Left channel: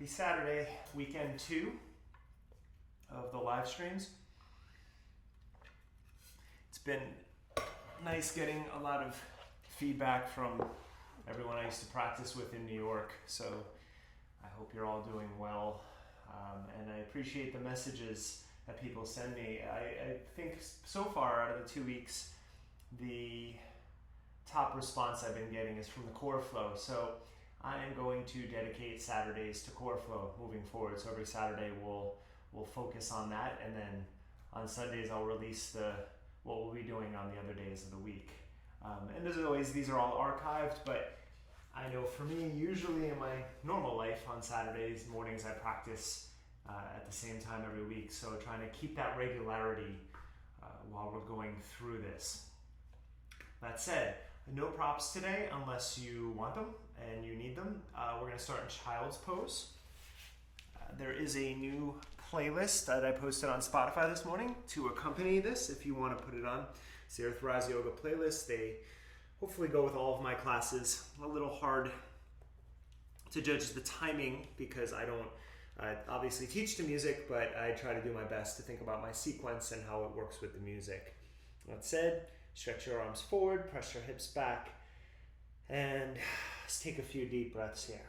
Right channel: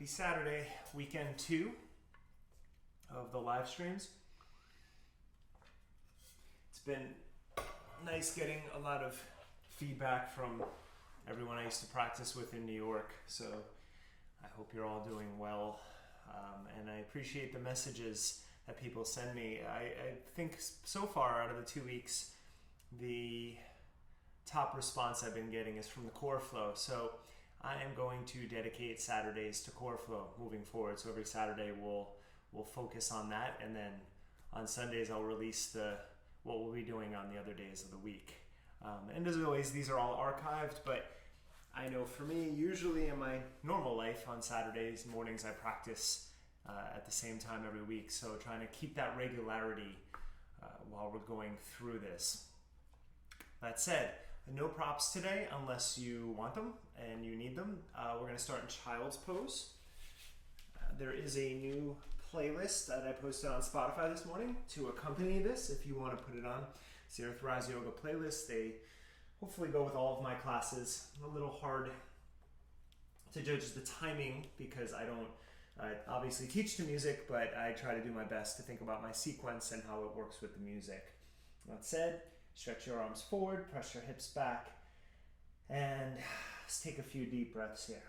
Happy Saturday, weekend 2 of the live streams. It's been nice getting a lot of feedback from everyone I used to practice with in New York, so I hope you're all doing well, and I appreciate the messages that people send me. I think so far out of the 2 weeks, the top response I've been getting is from the core flow. So I am going to dedicate Saturdays to core flow moving forward. So every Saturday we'll focus on that, and then on Sundays I'll release what we'll be doing on the other days of the week. And as always, these are all archived, but I know for me, usually in my normal life on Saturdays mornings, I practice at the same time every week. So trying to keep that regularity while we're going through this. That said, no props today unless you want them and you need them. We're going to start in child's pose. There is a new playlist that I posted on Spotify this morning to accompany this if you want to put it on. It's the EarthRise Yoga playlist. They hopefully go with all of my classes. A little hard to judge the timing because I don't obviously teach to music, but I try to do my best to think about my sequence and how it works with the music. That said, stretch your arms forward, press your hips back, and let's take a few deep breaths here.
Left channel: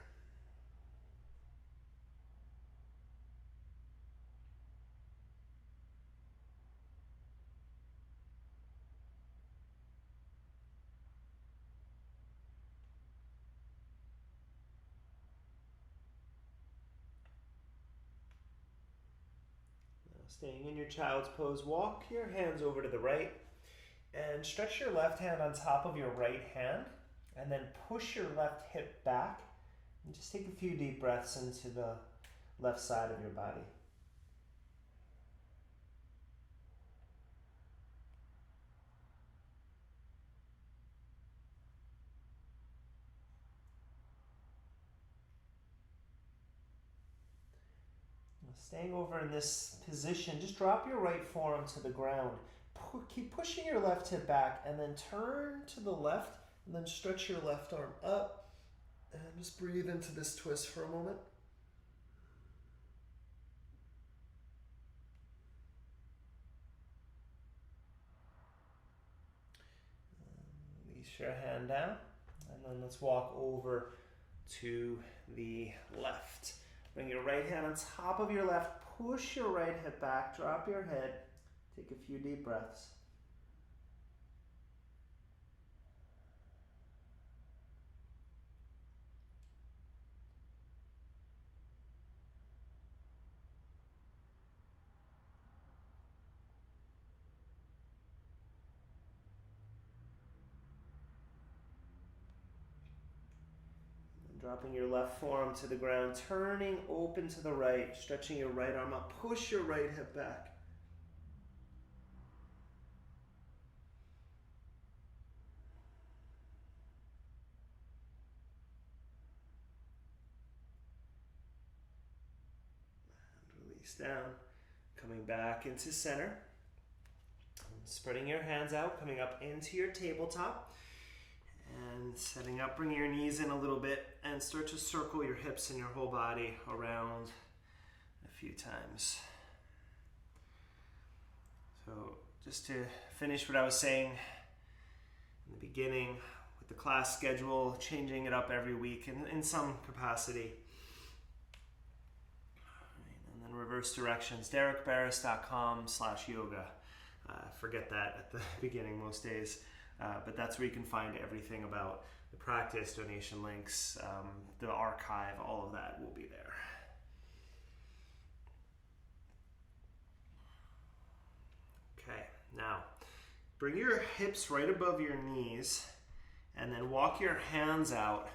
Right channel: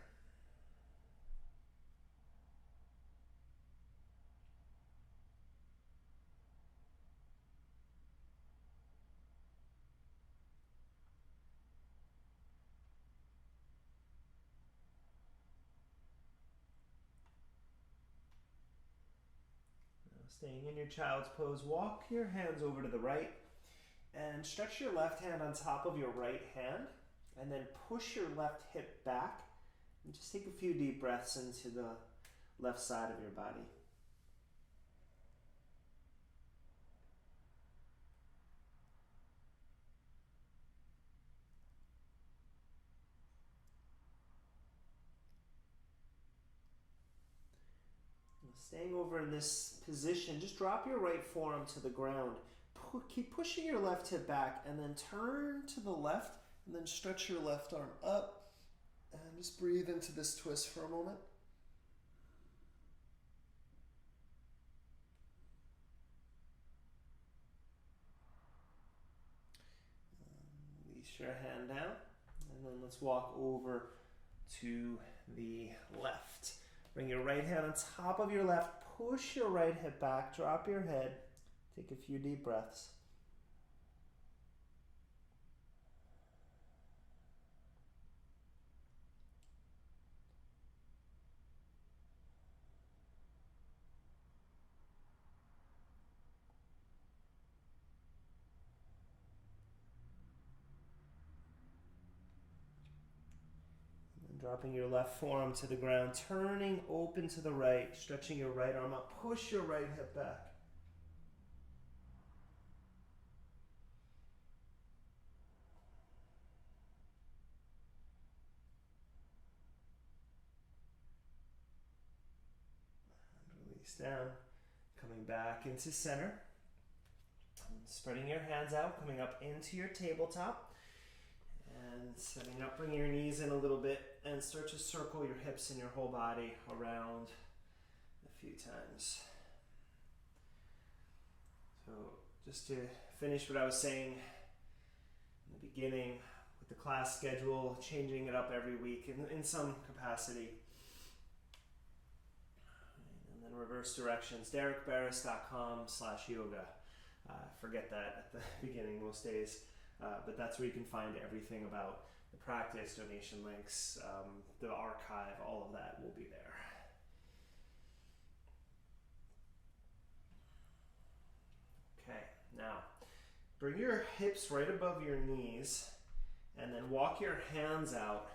Now, staying in your child's pose, walk your hands over to the right and stretch your left hand on top of your right hand, and then push your left hip back and just take a few deep breaths into the left side of your body. Now, staying over in this position, just drop your right forearm to the ground. Keep pushing your left hip back and then turn to the left and then stretch your left arm up and just breathe into this twist for a moment. Release your hand down, and then let's walk over to the left. Bring your right hand on top of your left, push your right hip back, drop your head, take a few deep breaths. Dropping your left forearm to the ground, turning open to the right, stretching your right arm up, push your right hip back. And release down, coming back into center. And spreading your hands out, coming up into your tabletop. And setting up, bring your knees in a little bit and start to circle your hips and your whole body around a few times. So just to finish what I was saying in the beginning with the class schedule, changing it up every week in some capacity. And then reverse directions, derekbarris.com/yoga. Forget that at the beginning most days. But that's where you can find everything about the practice, donation links, the archive, all of that will be there. Okay, now bring your hips right above your knees and then walk your hands out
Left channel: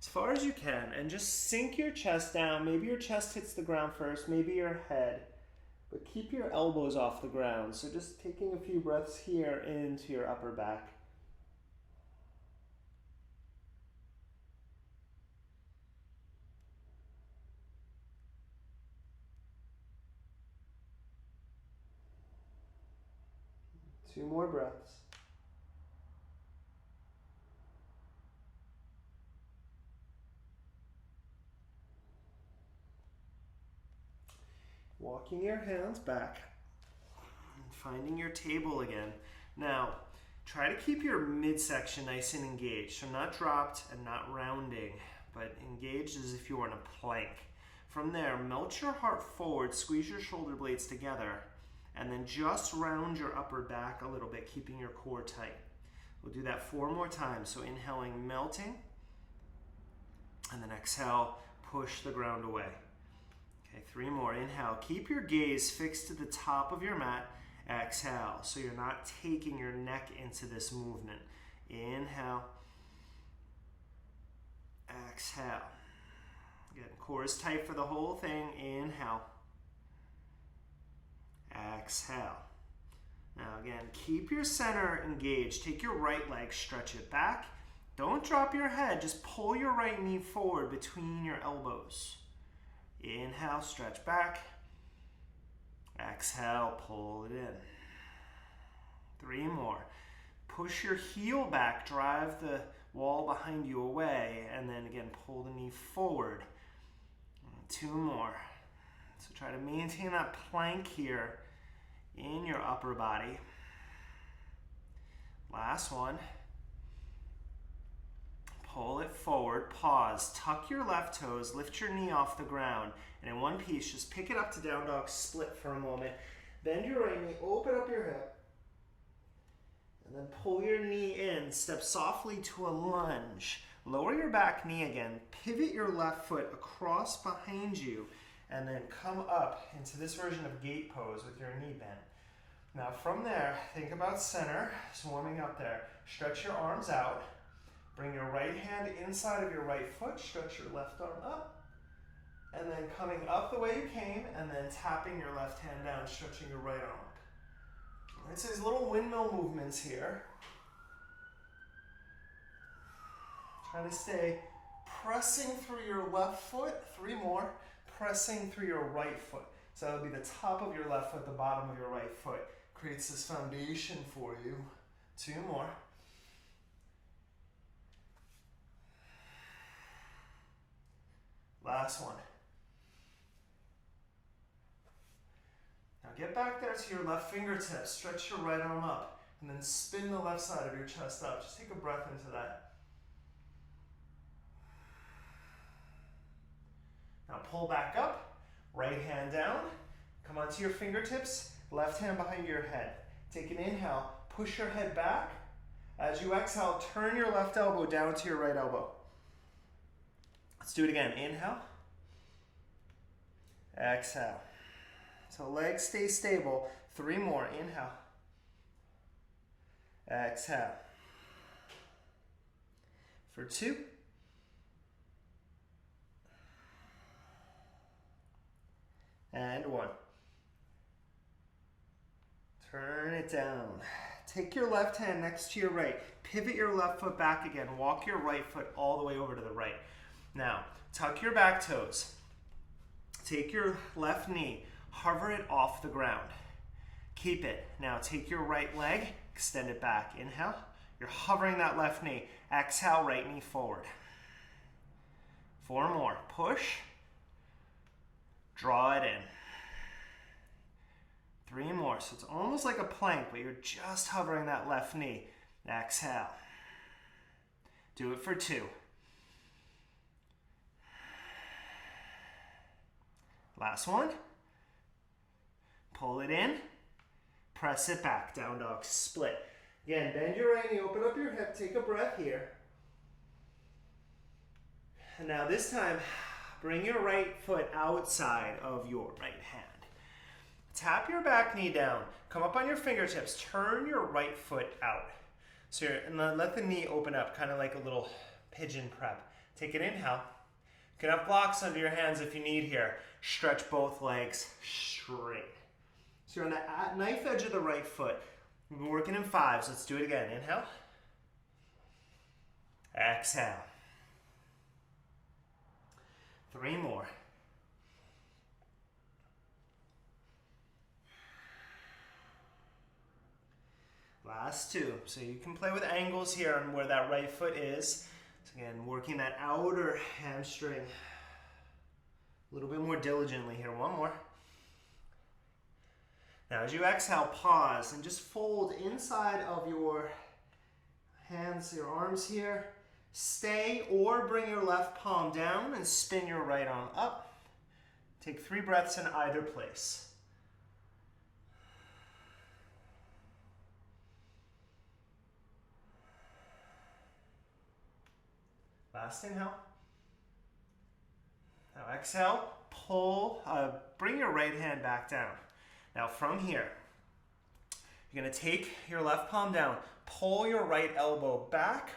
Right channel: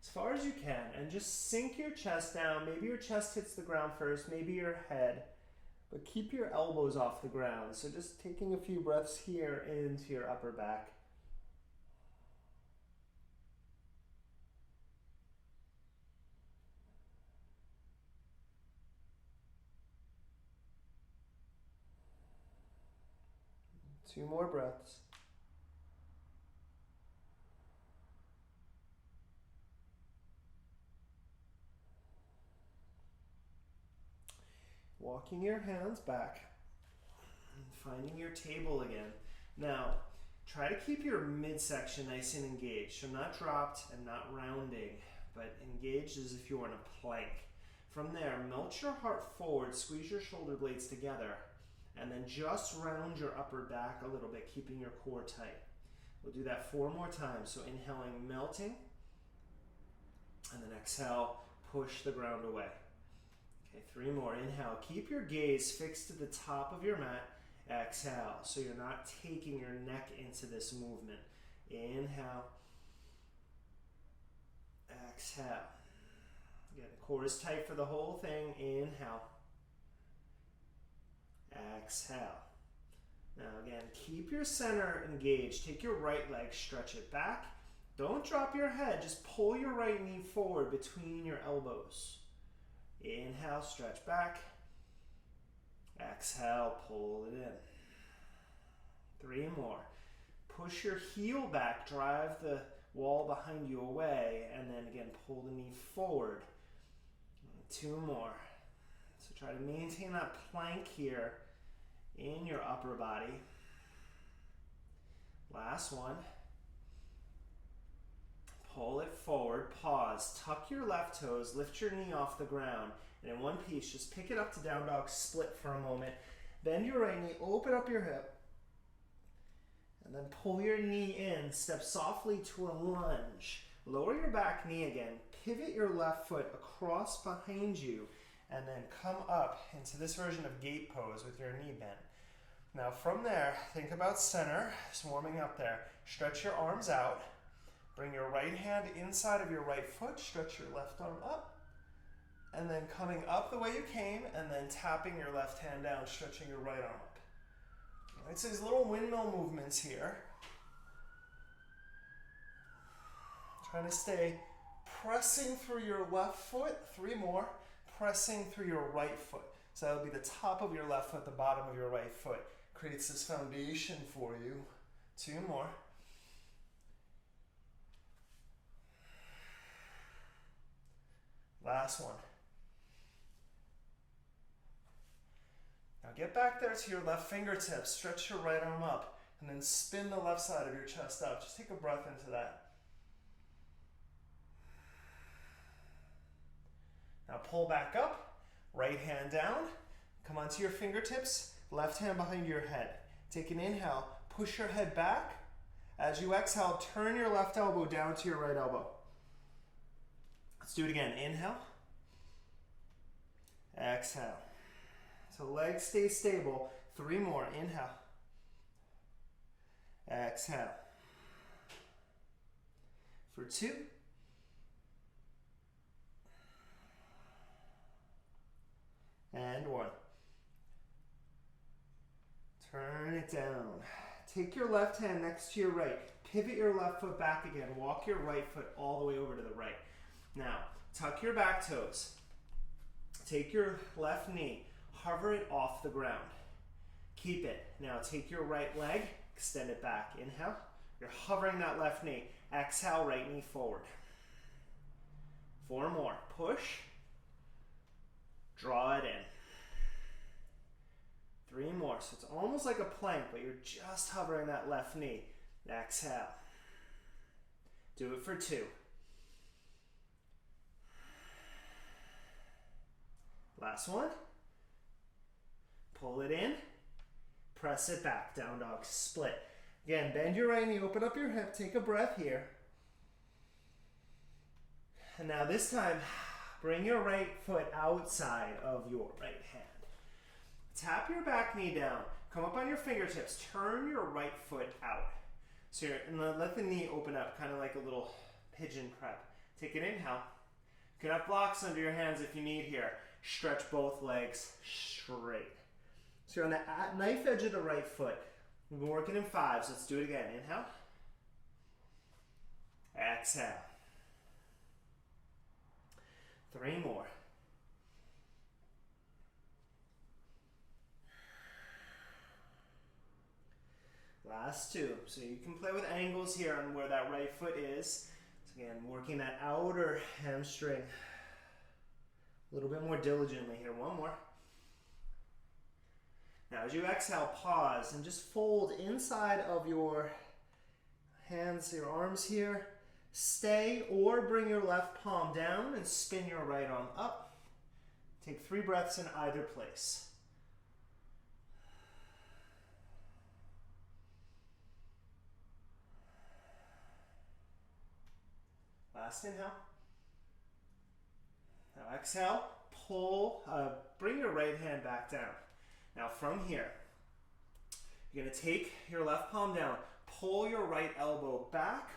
as far as you can and just sink your chest down. Maybe your chest hits the ground first, maybe your head, but keep your elbows off the ground. So just taking a few breaths here into your upper back. Two more breaths. walking your hands back and finding your table again. Now, try to keep your midsection nice and engaged. So not dropped and not rounding, but engaged as if you were in a plank. From there, melt your heart forward, squeeze your shoulder blades together, and then just round your upper back a little bit, keeping your core tight. We'll do that 4 more times. So inhaling, melting, and then exhale, push the ground away. Okay, 3 more. Inhale, keep your gaze fixed to the top of your mat. Exhale, so you're not taking your neck into this movement. Inhale, exhale. Again, core is tight for the whole thing. Inhale, exhale. Now again, keep your center engaged. Take your right leg, stretch it back. Don't drop your head, just pull your right knee forward between your elbows. Inhale, stretch back. Exhale, pull it in. 3 more. Push your heel back, drive the wall behind you away, and then again, pull the knee forward. 2 more. So try to maintain that plank here in your upper body. Last one. Pull it forward, pause, tuck your left toes, lift your knee off the ground, and in one piece, just pick it up to down dog split for a moment. Bend your right knee, open up your hip, and then pull your knee in, step softly to a lunge. Lower your back knee again, pivot your left foot across behind you, and then come up into this version of gate pose with your knee bent. Now from there, think about center, just warming up there. Stretch your arms out. Bring your right hand inside of your right foot, stretch your left arm up, and then coming up the way you came, and then tapping your left hand down, stretching your right arm up. All right, so these little windmill movements here. Trying to stay pressing through your left foot, 3 more, pressing through your right foot. So that would be the top of your left foot, the bottom of your right foot. Creates this foundation for you. 2 more. Last one. Now get back there to your left fingertips. Stretch your right arm up. And then spin the left side of your chest out. Just take a breath into that. Now pull back up. Right hand down. Come onto your fingertips. Left hand behind your head. Take an inhale. Push your head back. As you exhale, turn your left elbow down to your right elbow. Let's do it again. Inhale. Exhale. So legs stay stable. 3 more. Inhale. Exhale. For 2. And 1. Turn it down. Take your left hand next to your right. Pivot your left foot back again. Walk your right foot all the way over to the right. Now, tuck your back toes. Take your left knee. Hover it off the ground. Keep it. Now, take your right leg. Extend it back. Inhale. You're hovering that left knee. Exhale, right knee forward. 4 more. Push. Draw it in. 3 more. So it's almost like a plank, but you're just hovering that left knee. Exhale. Do it for 2. Last one. Pull it in. Press it back. Down dog split. Again, bend your right knee, open up your hip, take a breath here. And now this time, bring your right foot outside of your right hand. Tap your back knee down. Come up on your fingertips. Turn your right foot out. So and then let the knee open up, kind of like a little pigeon prep. Take an inhale. You can have blocks under your hands if you need here. Stretch both legs straight. So you're on the knife edge of the right foot. We've been working in 5s. Let's do it again. Inhale. Exhale. 3 more. Last 2. So you can play with angles here on where that right foot is. So again, working that outer hamstring a little bit more diligently here. 1 more. Now as you exhale, pause and just fold inside of your hands, your arms here. Stay or bring your left palm down and spin your right arm up. Take 3 breaths in either place. Last inhale. Now exhale, bring your right hand back down. Now from here, you're gonna take your left palm down, pull your right elbow back,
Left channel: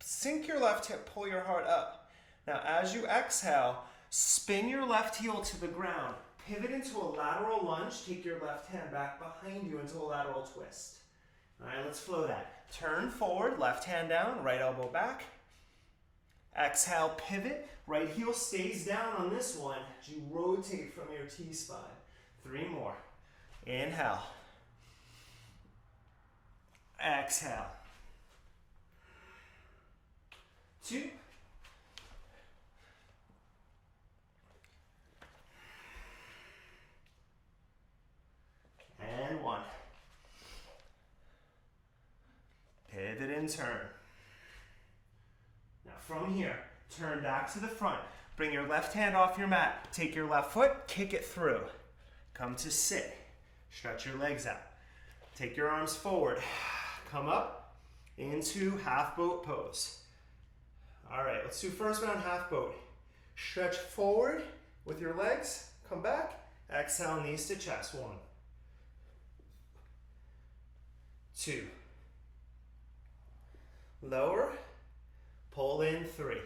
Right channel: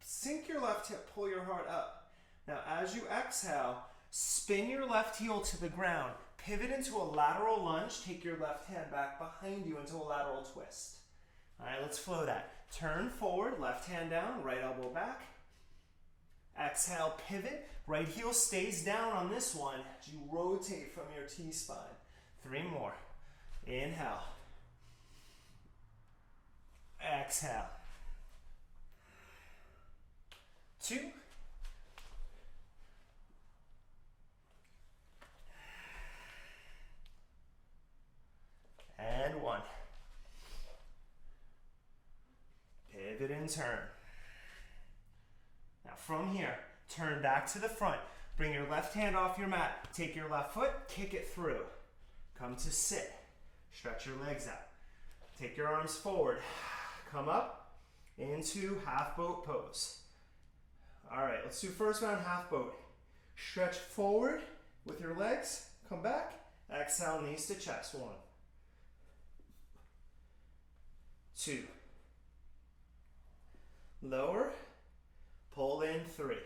sink your left hip, pull your heart up. Now as you exhale, spin your left heel to the ground, pivot into a lateral lunge, take your left hand back behind you into a lateral twist. All right, let's flow that. Turn forward, left hand down, right elbow back. Exhale, pivot, right heel stays down on this one as you rotate from your T-spine. 3 more. Inhale. Exhale. 2. And 1. Pivot and turn. Now from here, turn back to the front. Bring your left hand off your mat. Take your left foot, kick it through. Come to sit. Stretch your legs out. Take your arms forward. Come up into half boat pose. All right, let's do first round half boat. Stretch forward with your legs. Come back. Exhale, knees to chest. 1. 2. Lower. Pull in. 3.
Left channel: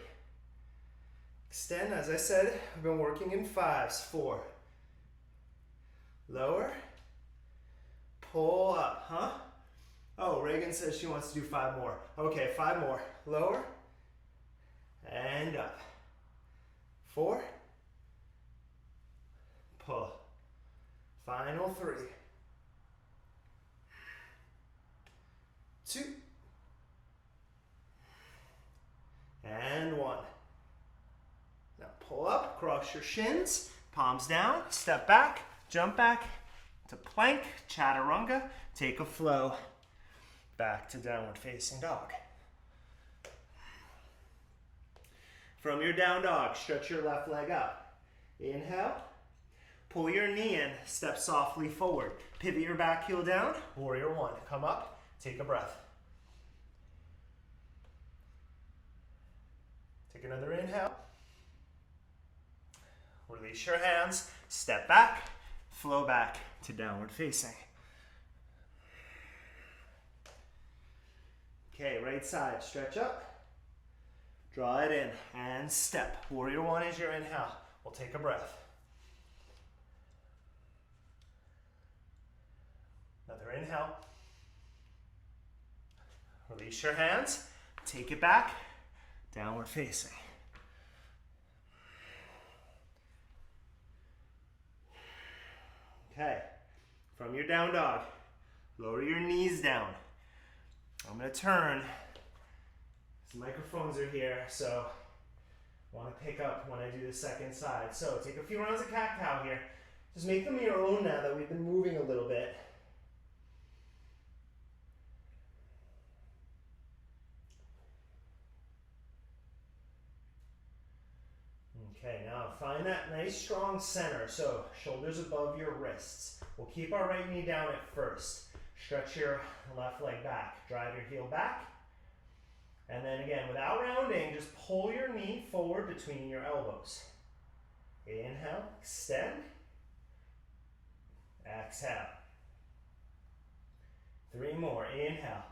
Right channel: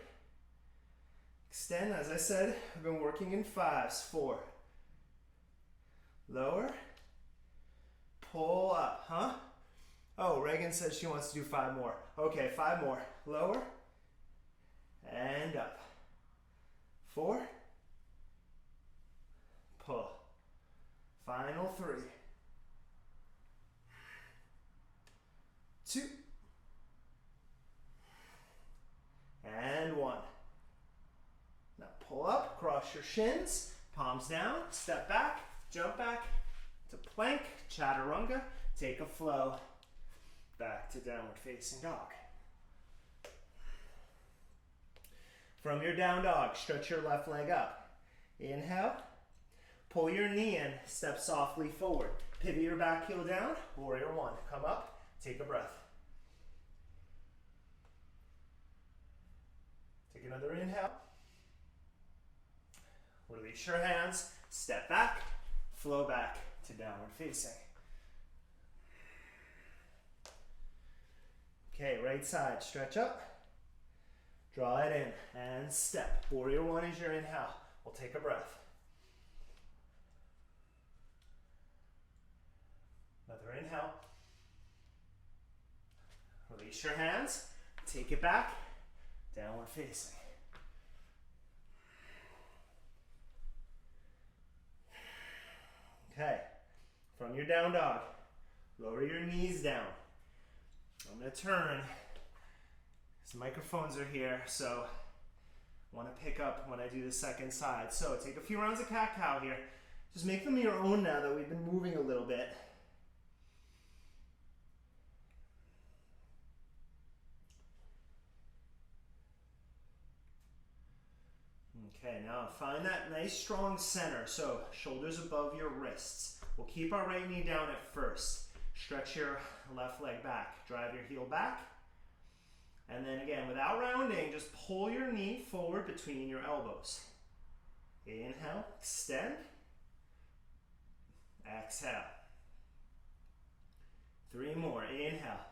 Extend, as I said, I've been working in 5s. 4. Lower. Pull up, huh? Oh, Reagan says she wants to do 5 more. Okay, 5 more. Lower. And up. 4. Pull. Final 3. 2. And 1. Now pull up, cross your shins, palms down, step back, jump back to plank, chaturanga, take a flow back to downward facing dog. From your down dog, stretch your left leg up. Inhale, pull your knee in, step softly forward. Pivot your back heel down, warrior 1. Come up, take a breath. Take another inhale. Release your hands, step back, flow back to downward facing. Okay, right side, stretch up, draw it in, and step. Warrior 1 is your inhale. We'll take a breath. Another inhale. Release your hands, take it back, downward facing. Okay, from your down dog, lower your knees down. I'm going to turn. Some microphones are here, so I want to pick up when I do the second side. So take a few rounds of cat-cow here. Just make them your own now that we've been moving a little bit. Okay, now find that nice strong center. So shoulders above your wrists. We'll keep our right knee down at first. Stretch your left leg back. Drive your heel back. And then again, without rounding, just pull your knee forward between your elbows. Inhale, extend. Exhale. 3 more. Inhale.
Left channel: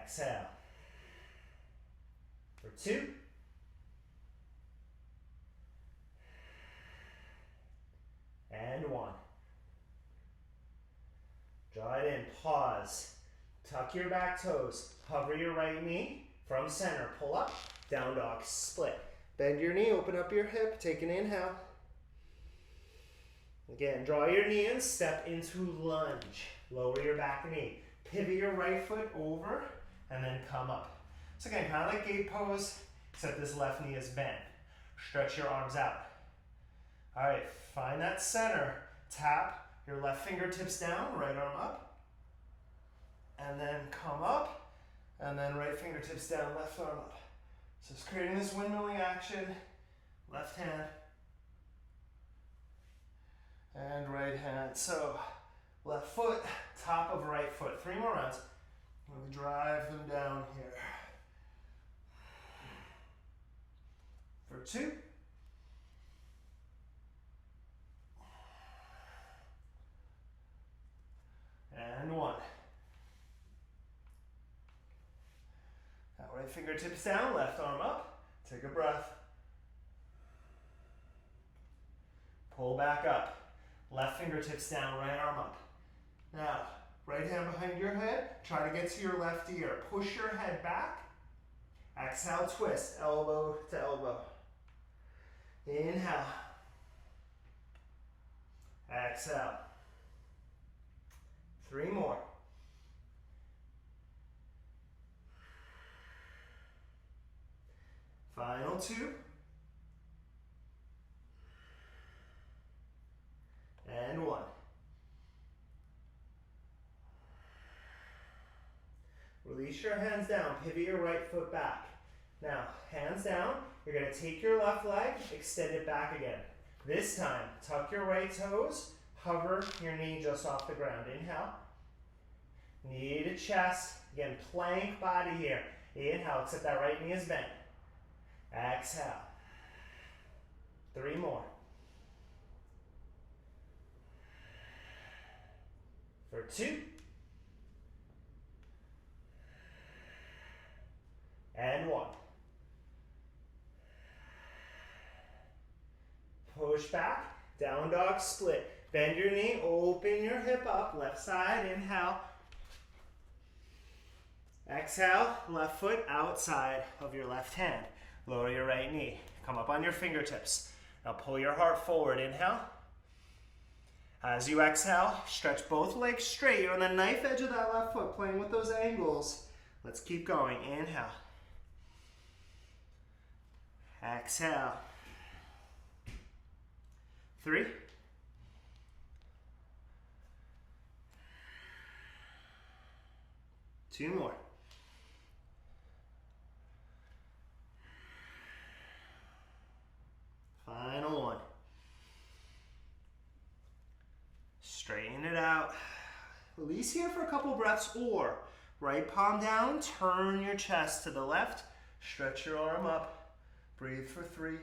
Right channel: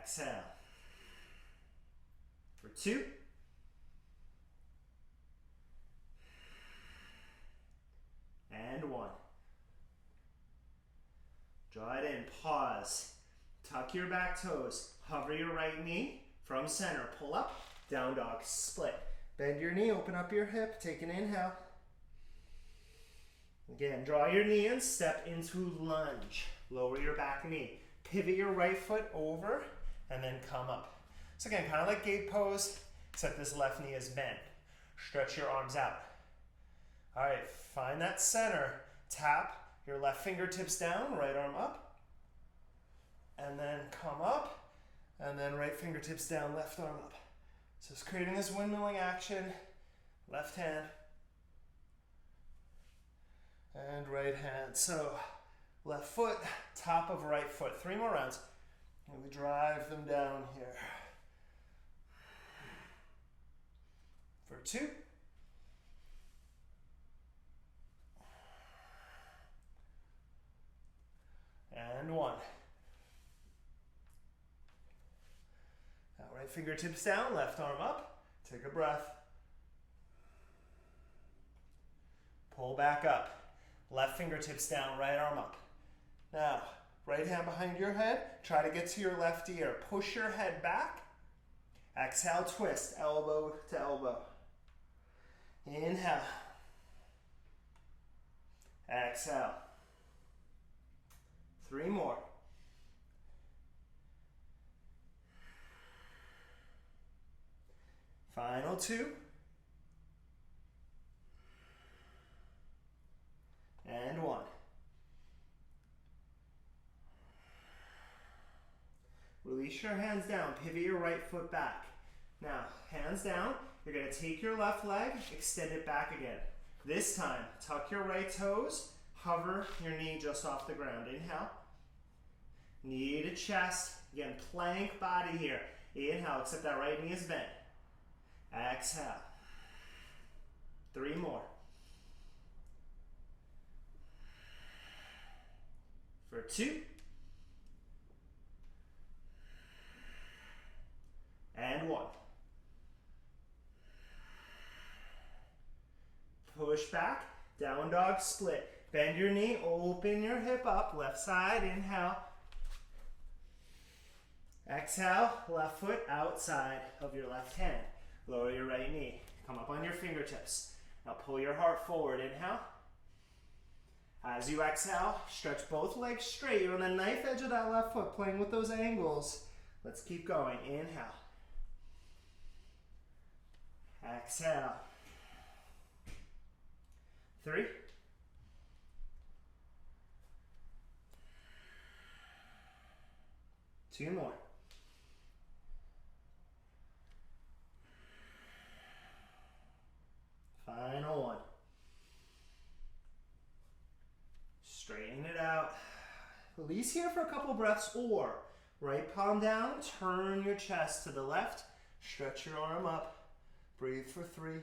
Exhale. For 2. And 1. Draw it in, pause. Tuck your back toes. Hover your right knee from center. Pull up, down dog, split. Bend your knee, open up your hip, take an inhale. Again, draw your knee in, step into lunge. Lower your back knee. Pivot your right foot over, and then come up. So again, kind of like gate pose, except this left knee is bent. Stretch your arms out. All right, find that center. tap your left fingertips down, right arm up, and then come up, and then right fingertips down, left arm up. So it's creating this windmilling action, left hand, and right hand. So left foot, top of right foot. 3 more rounds. And we drive them down here. For 2. And 1. Now right fingertips down, left arm up. Take a breath. Pull back up. Left fingertips down, right arm up. Now, right hand behind your head. Try to get to your left ear. Push your head back. Exhale, twist, elbow to elbow. Inhale. Exhale. 3 more. Final 2. And 1. Release your hands down. Pivot your right foot back. Now, hands down. You're going to take your left leg, extend it back again. This time, tuck your right toes, hover your knee just off the ground. Inhale. Knee to chest. Again, plank body here. Inhale, except that right knee is bent. Exhale. 3 more. For 2. And 1. Push back, down dog split. Bend your knee, open your hip up, left side, inhale. Exhale, left foot outside of your left hand. Lower your right knee, come up on your fingertips. Now pull your heart forward, inhale. As you exhale, stretch both legs straight. You're on the knife edge of that left foot, playing with those angles. Let's keep going, inhale. Exhale. 3. 2 more. Final 1. Straighten it out. Release here for a couple breaths, or right palm down, turn your chest to the left, stretch your arm up, breathe for 3.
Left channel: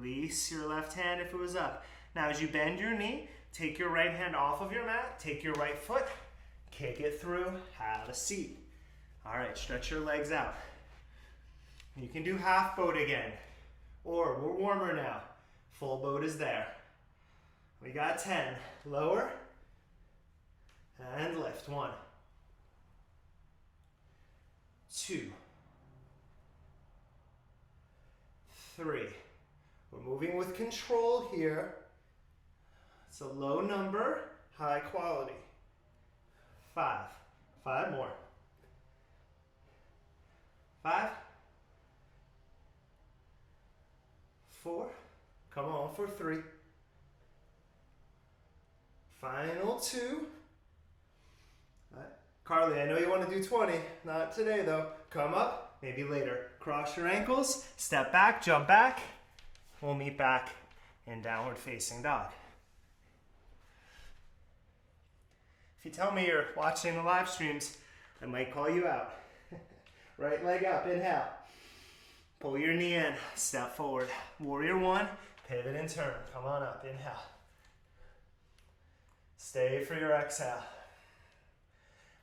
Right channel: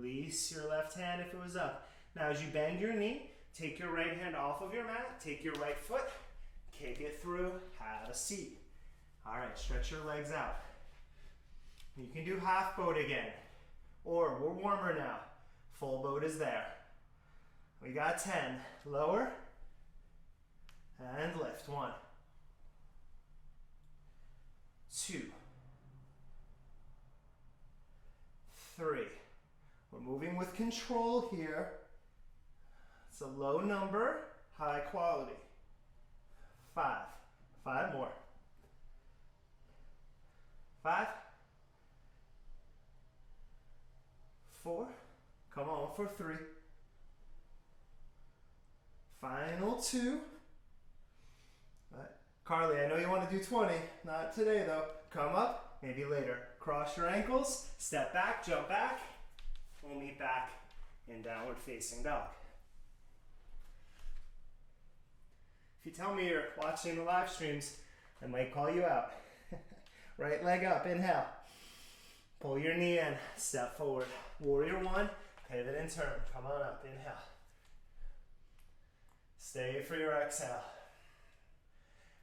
Release your left hand if it was up. Now as you bend your knee, take your right hand off of your mat, take your right foot, kick it through, have a seat. All right, stretch your legs out. You can do half boat again, or we're warmer now. Full boat is there. We got 10. Lower and lift. 1, 2, 3. We're moving with control here. It's a low number, high quality. 5. 5 more. 5. 4. Come on for 3. Final 2. Carly, I know you want to do 20. Not today though. Come up, maybe later. Cross your ankles, step back, jump back. We'll meet back in downward facing dog. If you tell me you're watching the live streams, I might call you out. Right leg up, inhale. Pull your knee in, step forward. Warrior 1, pivot and turn. Come on up, inhale. Stay for your exhale.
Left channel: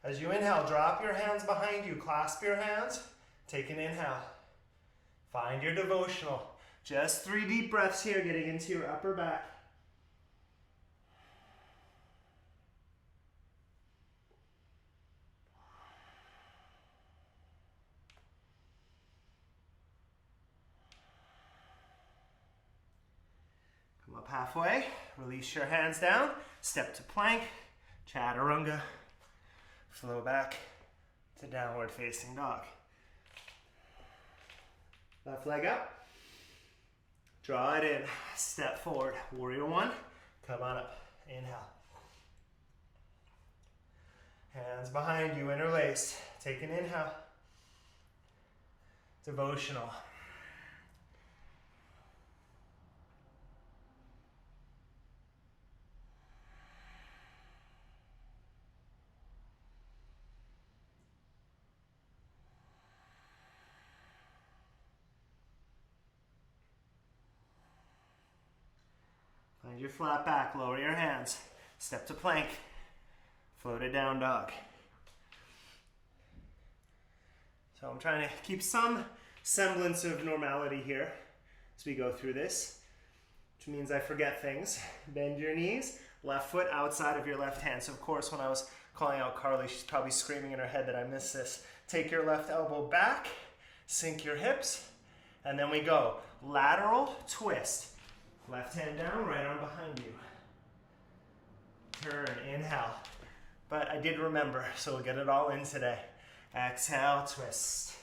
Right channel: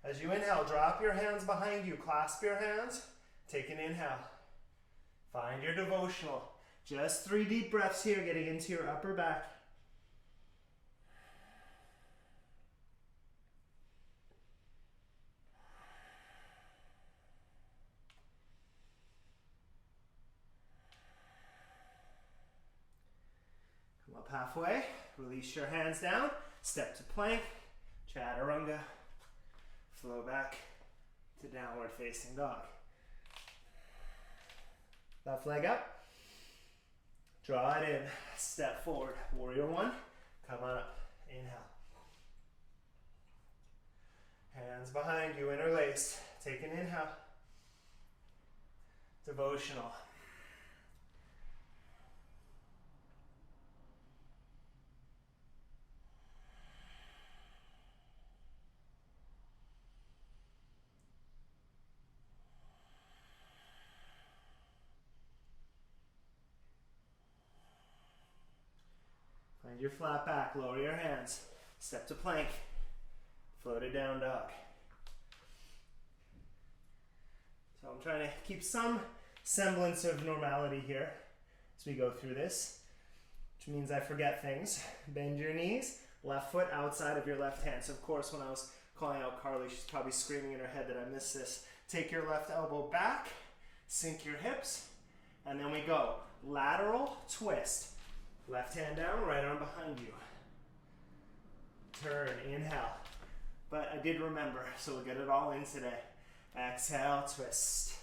As you inhale, drop your hands behind you, clasp your hands, take an inhale. Find your devotional. Just 3 deep breaths here, getting into your upper back. Come up halfway, release your hands down, step to plank, chaturanga, flow back to downward facing dog. Left leg up. Draw it in. Step forward. Warrior one. Come on up. Inhale. Hands behind you, interlaced. Take an inhale. Devotional. Find your flat back, lower your hands. Step to plank. Floated down dog. So I'm trying to keep some semblance of normality here as we go through this, which means I forget things. Bend your knees, left foot outside of your left hand. So of course, when I was calling out Carly, she's probably screaming in her head that I missed this. Take your left elbow back, sink your hips, and then we go lateral twist. Left hand down, right arm behind you. Turn, inhale. But I did remember, so we'll get it all in today. Exhale, twist.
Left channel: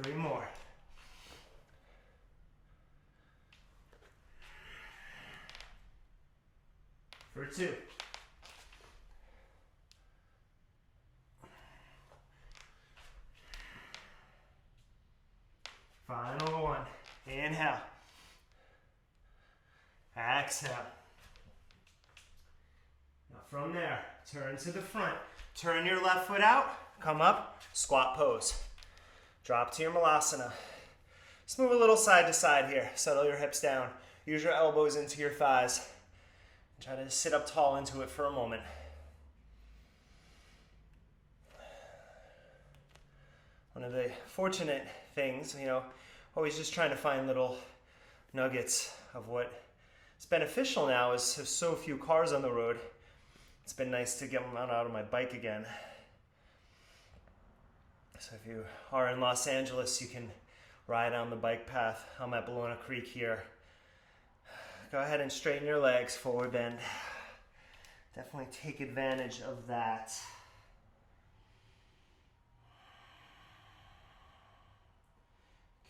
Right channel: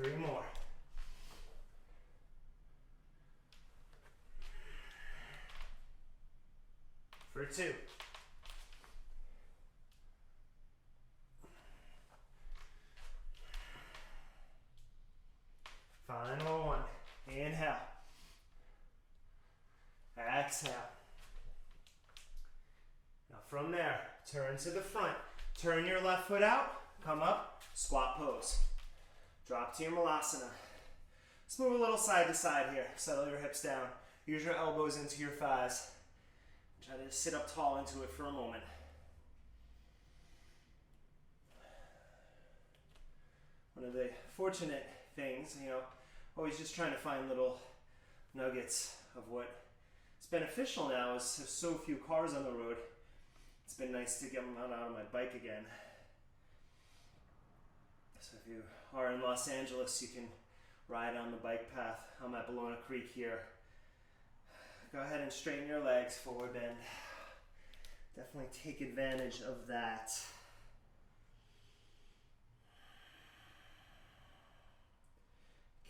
3 more. For 2. Final one. Inhale. Exhale. Now from there, turn to the front. Turn your left foot out, come up, squat pose. Drop to your malasana. Let's move a little side to side here. Settle your hips down. Use your elbows into your thighs. Try to sit up tall into it for a moment. One of the fortunate things, always just trying to find little nuggets of what is beneficial now is there's so few cars on the road. It's been nice to get out of my bike again. So if you are in Los Angeles, you can ride on the bike path. I'm at Ballona Creek here. Go ahead and straighten your legs, forward bend. Definitely take advantage of that.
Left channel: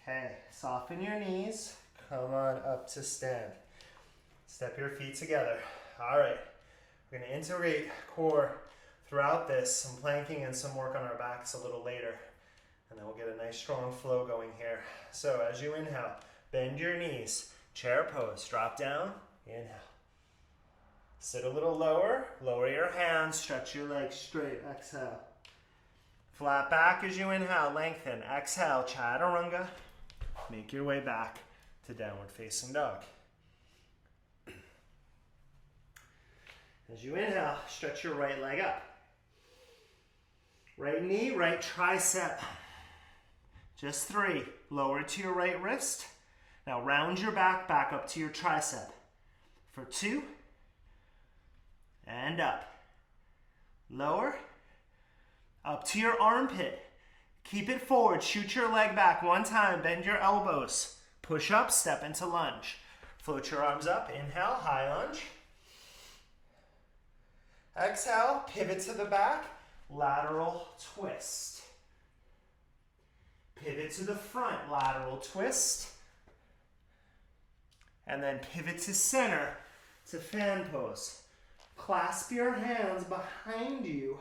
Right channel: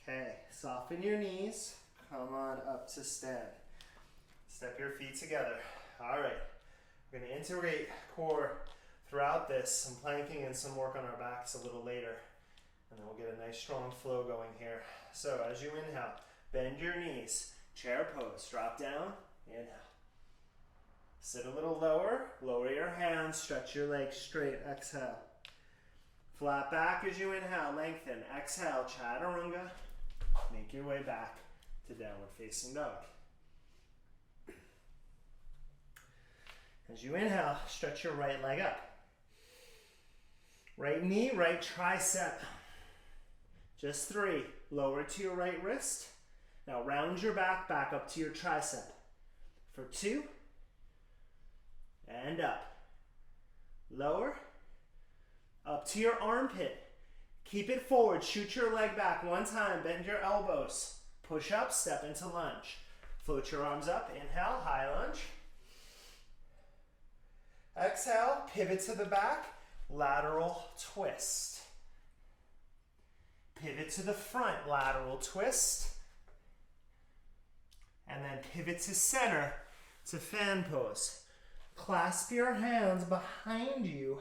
Okay, soften your knees. Come on up to stand. Step your feet together. All right. We're going to integrate core throughout this, some planking and some work on our backs a little later. And then we'll get a nice strong flow going here. So as you inhale, bend your knees, chair pose, drop down, inhale. Sit a little lower, lower your hands, stretch your legs straight, exhale. Flat back as you inhale, lengthen, exhale, chaturanga. Make your way back to downward facing dog. As you inhale, stretch your right leg up. Right knee, right tricep. Just 3. Lower to your right wrist. Now round your back up to your tricep. For 2. And up. Lower. Up to your armpit. Keep it forward. Shoot your leg back. 1 time. Bend your elbows. Push up. Step into lunge. Float your arms up. Inhale. High lunge. Exhale, pivot to the back, lateral twist. Pivot to the front, lateral twist. And then pivot to center to fan pose. Clasp your hands behind you.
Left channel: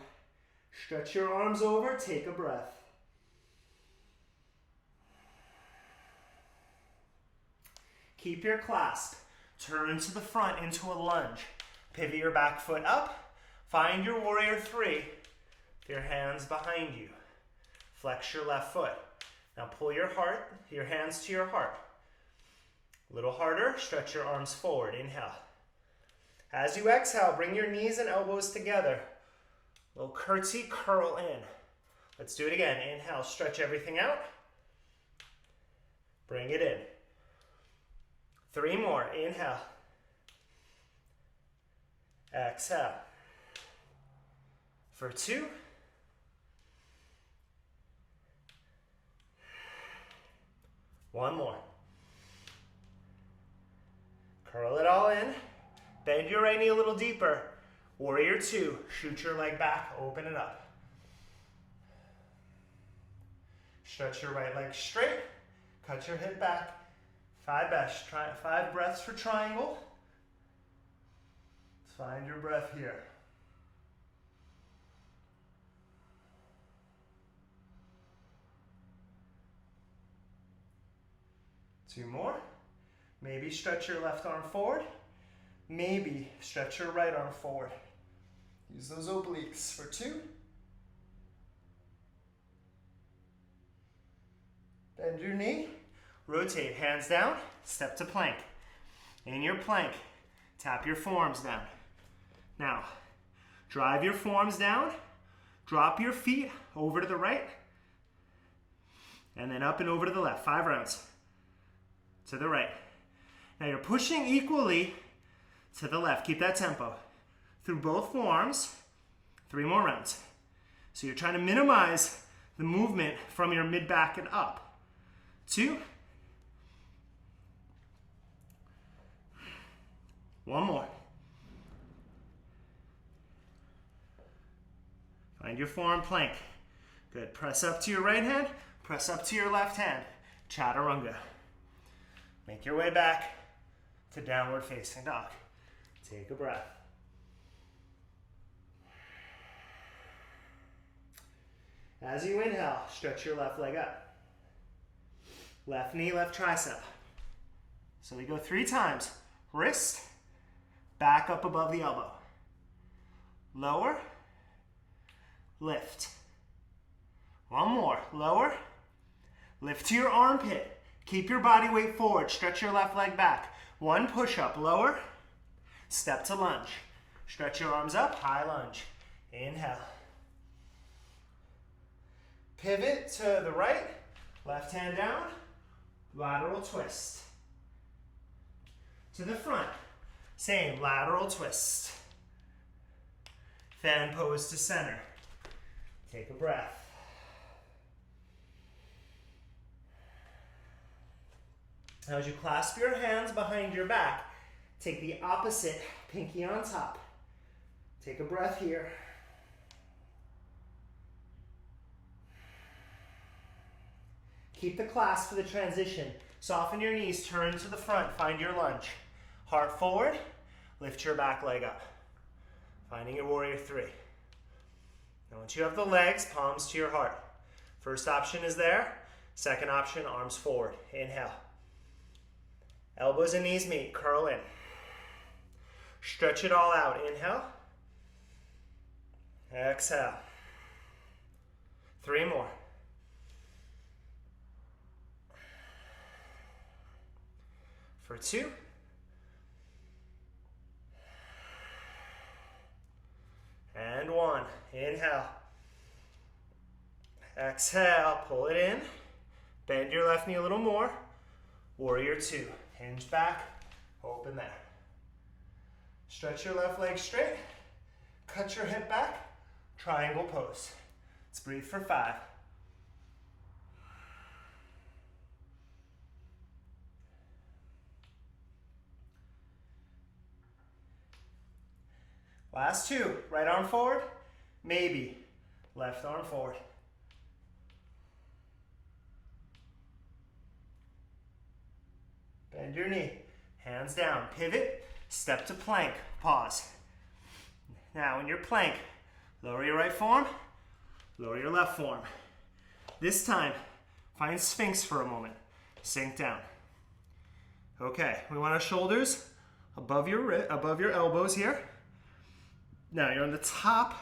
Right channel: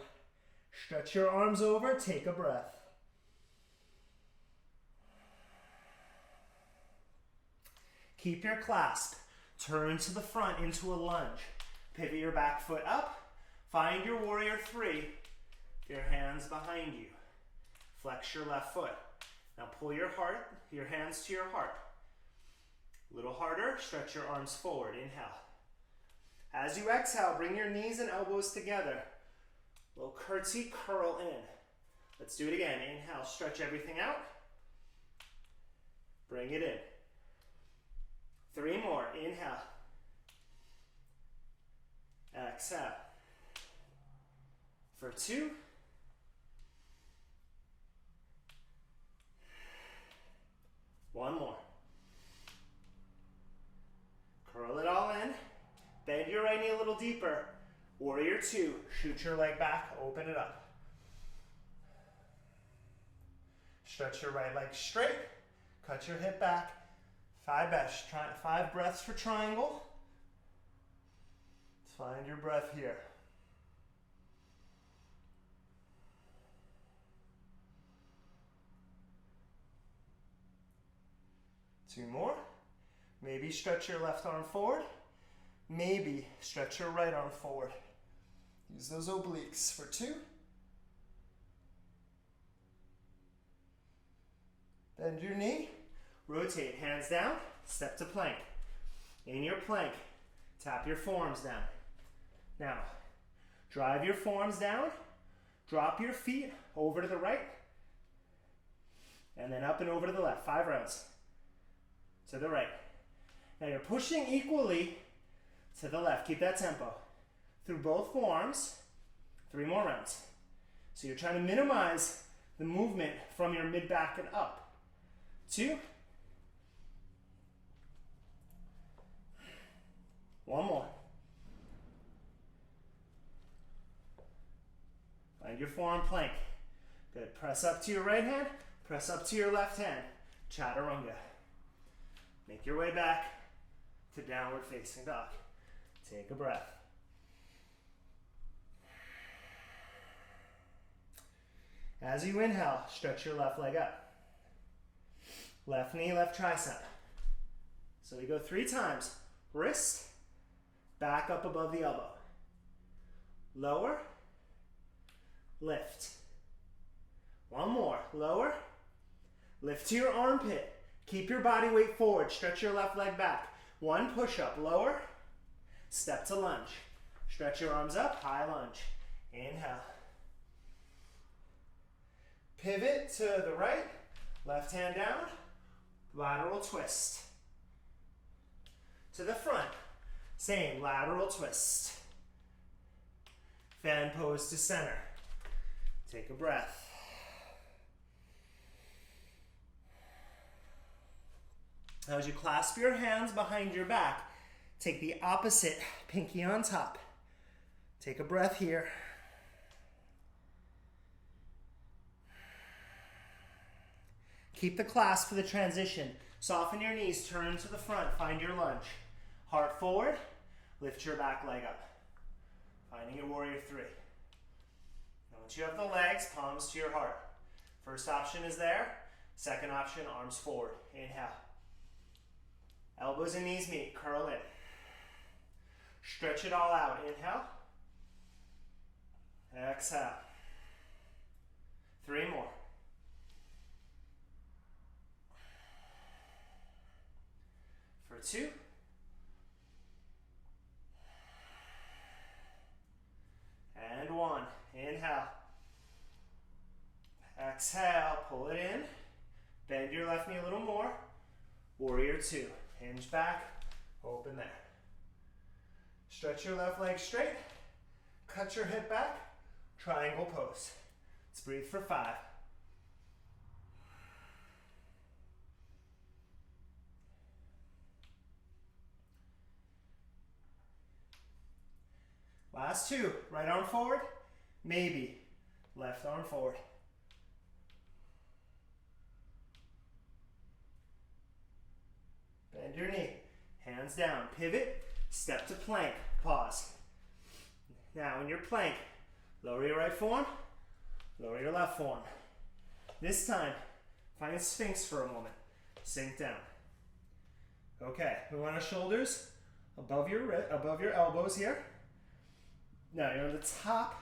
Stretch your arms over, take a breath. Keep your clasp. Turn to the front into a lunge. Pivot your back foot up. Find your warrior 3 with your hands behind you. Flex your left foot. Now pull your hands to your heart. A little harder, stretch your arms forward, inhale. As you exhale, bring your knees and elbows together. A little curtsy, curl in. Let's do it again. Inhale, stretch everything out. Bring it in. 3 more, inhale. Exhale. For 2. One more. Curl it all in. Bend your right knee a little deeper. Warrior 2. Shoot your leg back. Open it up. Stretch your right leg straight. Cut your hip back. 5 breaths for triangle. Let's find your breath here. Two more. Maybe stretch your left arm forward. Maybe stretch your right arm forward. Use those obliques for 2. Bend your knee. Rotate, hands down, step to plank. In your plank, tap your forearms down. Now, drive your forearms down, drop your feet over to the right, and then up and over to the left. 5 rounds. To the right. Now you're pushing equally to the left. Keep that tempo. Through both forearms, 3 more rounds. So you're trying to minimize the movement from your mid-back and up. 2. 1 more. Find your forearm plank. Good. Press up to your right hand. Press up to your left hand. Chaturanga. Make your way back to downward facing dog. Take a breath. As you inhale, stretch your left leg up. Left knee, left tricep. So we go 3 times. Wrist, back up above the elbow. Lower, lift. 1 more. Lower, lift to your armpit. Keep your body weight forward. Stretch your left leg back. 1 push-up. Lower, step to lunge. Stretch your arms up, high lunge. Inhale. Pivot to the right, left hand down, lateral twist. To the front, same, lateral twist. Fan pose to center. Take a breath. Now as you clasp your hands behind your back, take the opposite, pinky on top. Take a breath here. Keep the clasp for the transition. Soften your knees, turn to the front, find your lunge. Heart forward, lift your back leg up. Finding your warrior 3. Now once you have the legs, palms to your heart. First option is there. Second option, arms forward. Inhale. Elbows and knees meet, curl in. Stretch it all out. Inhale. Exhale. 3 more. For 2. And 1. Inhale. Exhale, pull it in. Bend your left knee a little more. Warrior 2. Hinge back, open there. Stretch your left leg straight. Cut your hip back. Triangle pose. Let's breathe for 5. Last 2. Right arm forward. Maybe. Left arm forward. Bend your knee. Hands down. Pivot. Step to plank. Pause. Now in your plank, lower your right forearm. Lower your left forearm. This time, find Sphinx for a moment. Sink down. Okay, we want our shoulders above your elbows here. Now you're on the top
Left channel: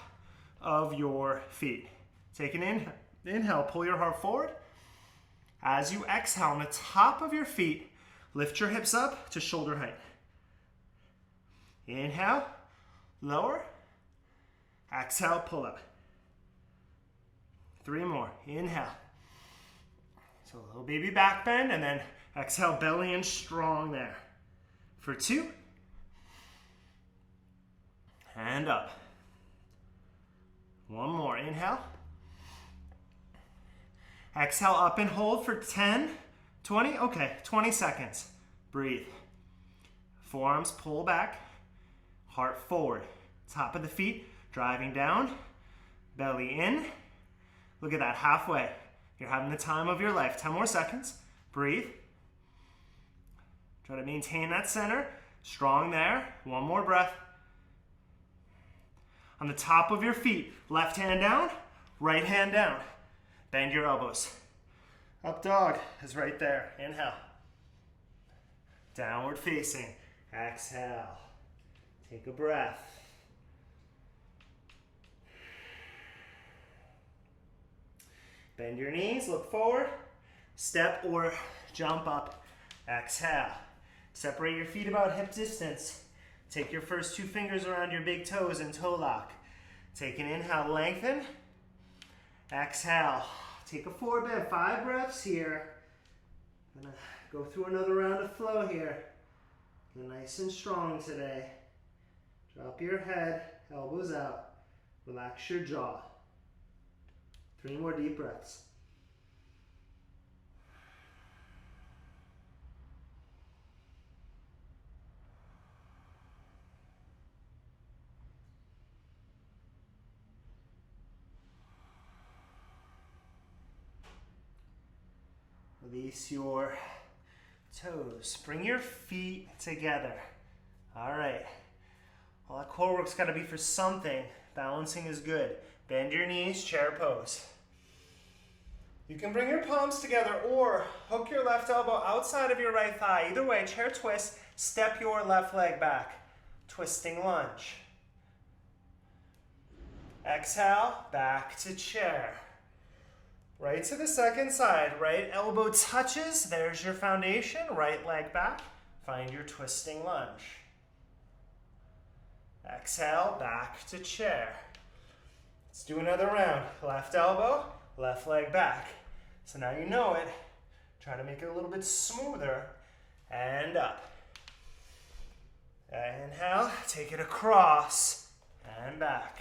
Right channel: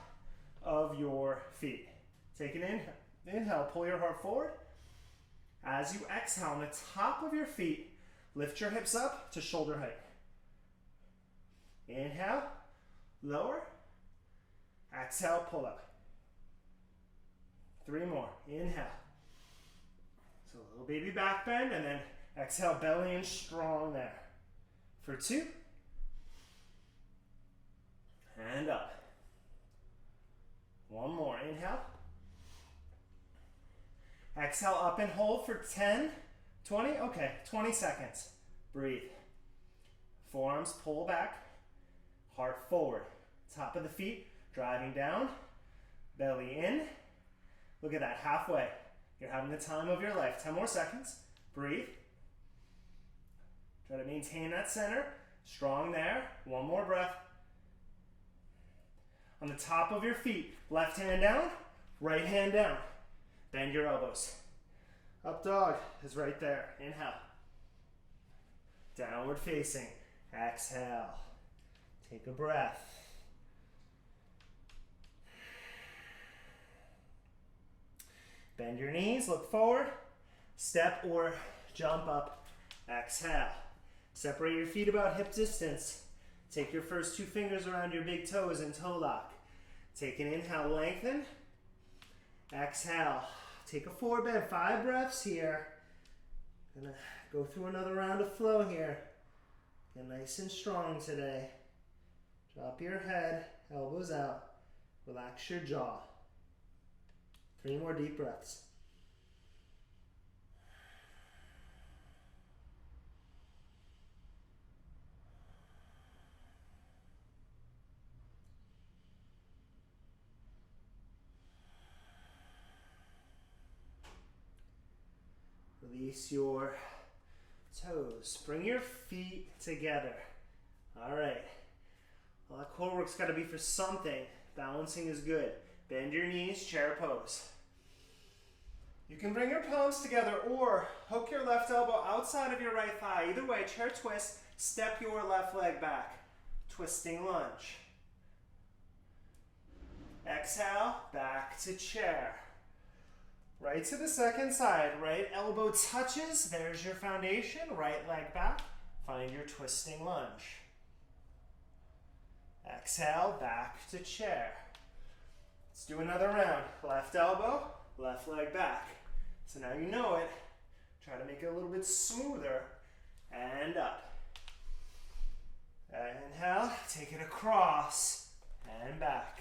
of your feet. Take an inhale, pull your heart forward. As you exhale, on the top of your feet, lift your hips up to shoulder height. Inhale, lower. Exhale, pull up. 3 more. Inhale. So a little baby back bend, and then exhale, belly in strong there. For 2. And up. 1 more. Inhale. Exhale, up and hold for 10, 20. Okay, 20 seconds. Breathe. Forearms pull back. Heart forward. Top of the feet driving down. Belly in. Look at that, halfway. You're having the time of your life. 10 more seconds. Breathe. Try to maintain that center. Strong there. One more breath. On the top of your feet, left hand down, right hand down. Bend your elbows. Up dog is right there. Inhale. Downward facing. Exhale. Take a breath. Bend your knees, look forward. Step or jump up. Exhale. Separate your feet about hip distance. Take your first 2 fingers around your big toes in toe lock. Take an inhale, lengthen. Exhale. Take a forward bend. 5 breaths here. Gonna go through another round of flow here. Get nice and strong today. Drop your head, elbows out. Relax your jaw. 3 more deep breaths. Release your toes. Bring your feet together. All right. Well, that core work's got to be for something. Balancing is good. Bend your knees, chair pose. You can bring your palms together or hook your left elbow outside of your right thigh. Either way, chair twist, step your left leg back. Twisting lunge. Exhale, back to chair. Right to the second side, right elbow touches, there's your foundation, right leg back. Find your twisting lunge. Exhale, back to chair. Let's do another round. Left elbow, left leg back. So now you know it. Try to make it a little bit smoother. And up. Inhale, take it across. And back.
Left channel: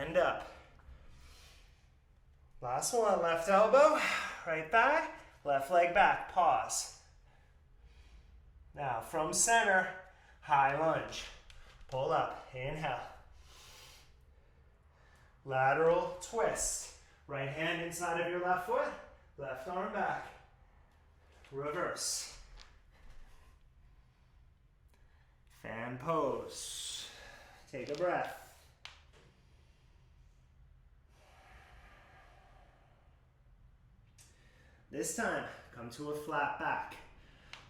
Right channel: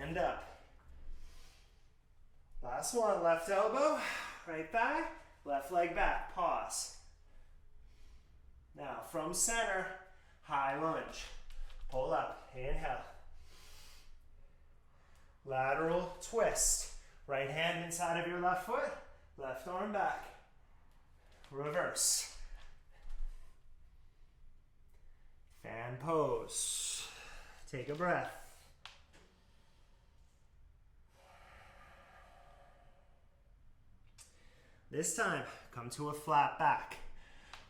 And up. Last one, left elbow, right thigh, left leg back, pause. Now from center, high lunge. Pull up, inhale. Lateral twist. Right hand inside of your left foot, left arm back. Reverse. Fan pose. Take a breath. This time, come to a flat back.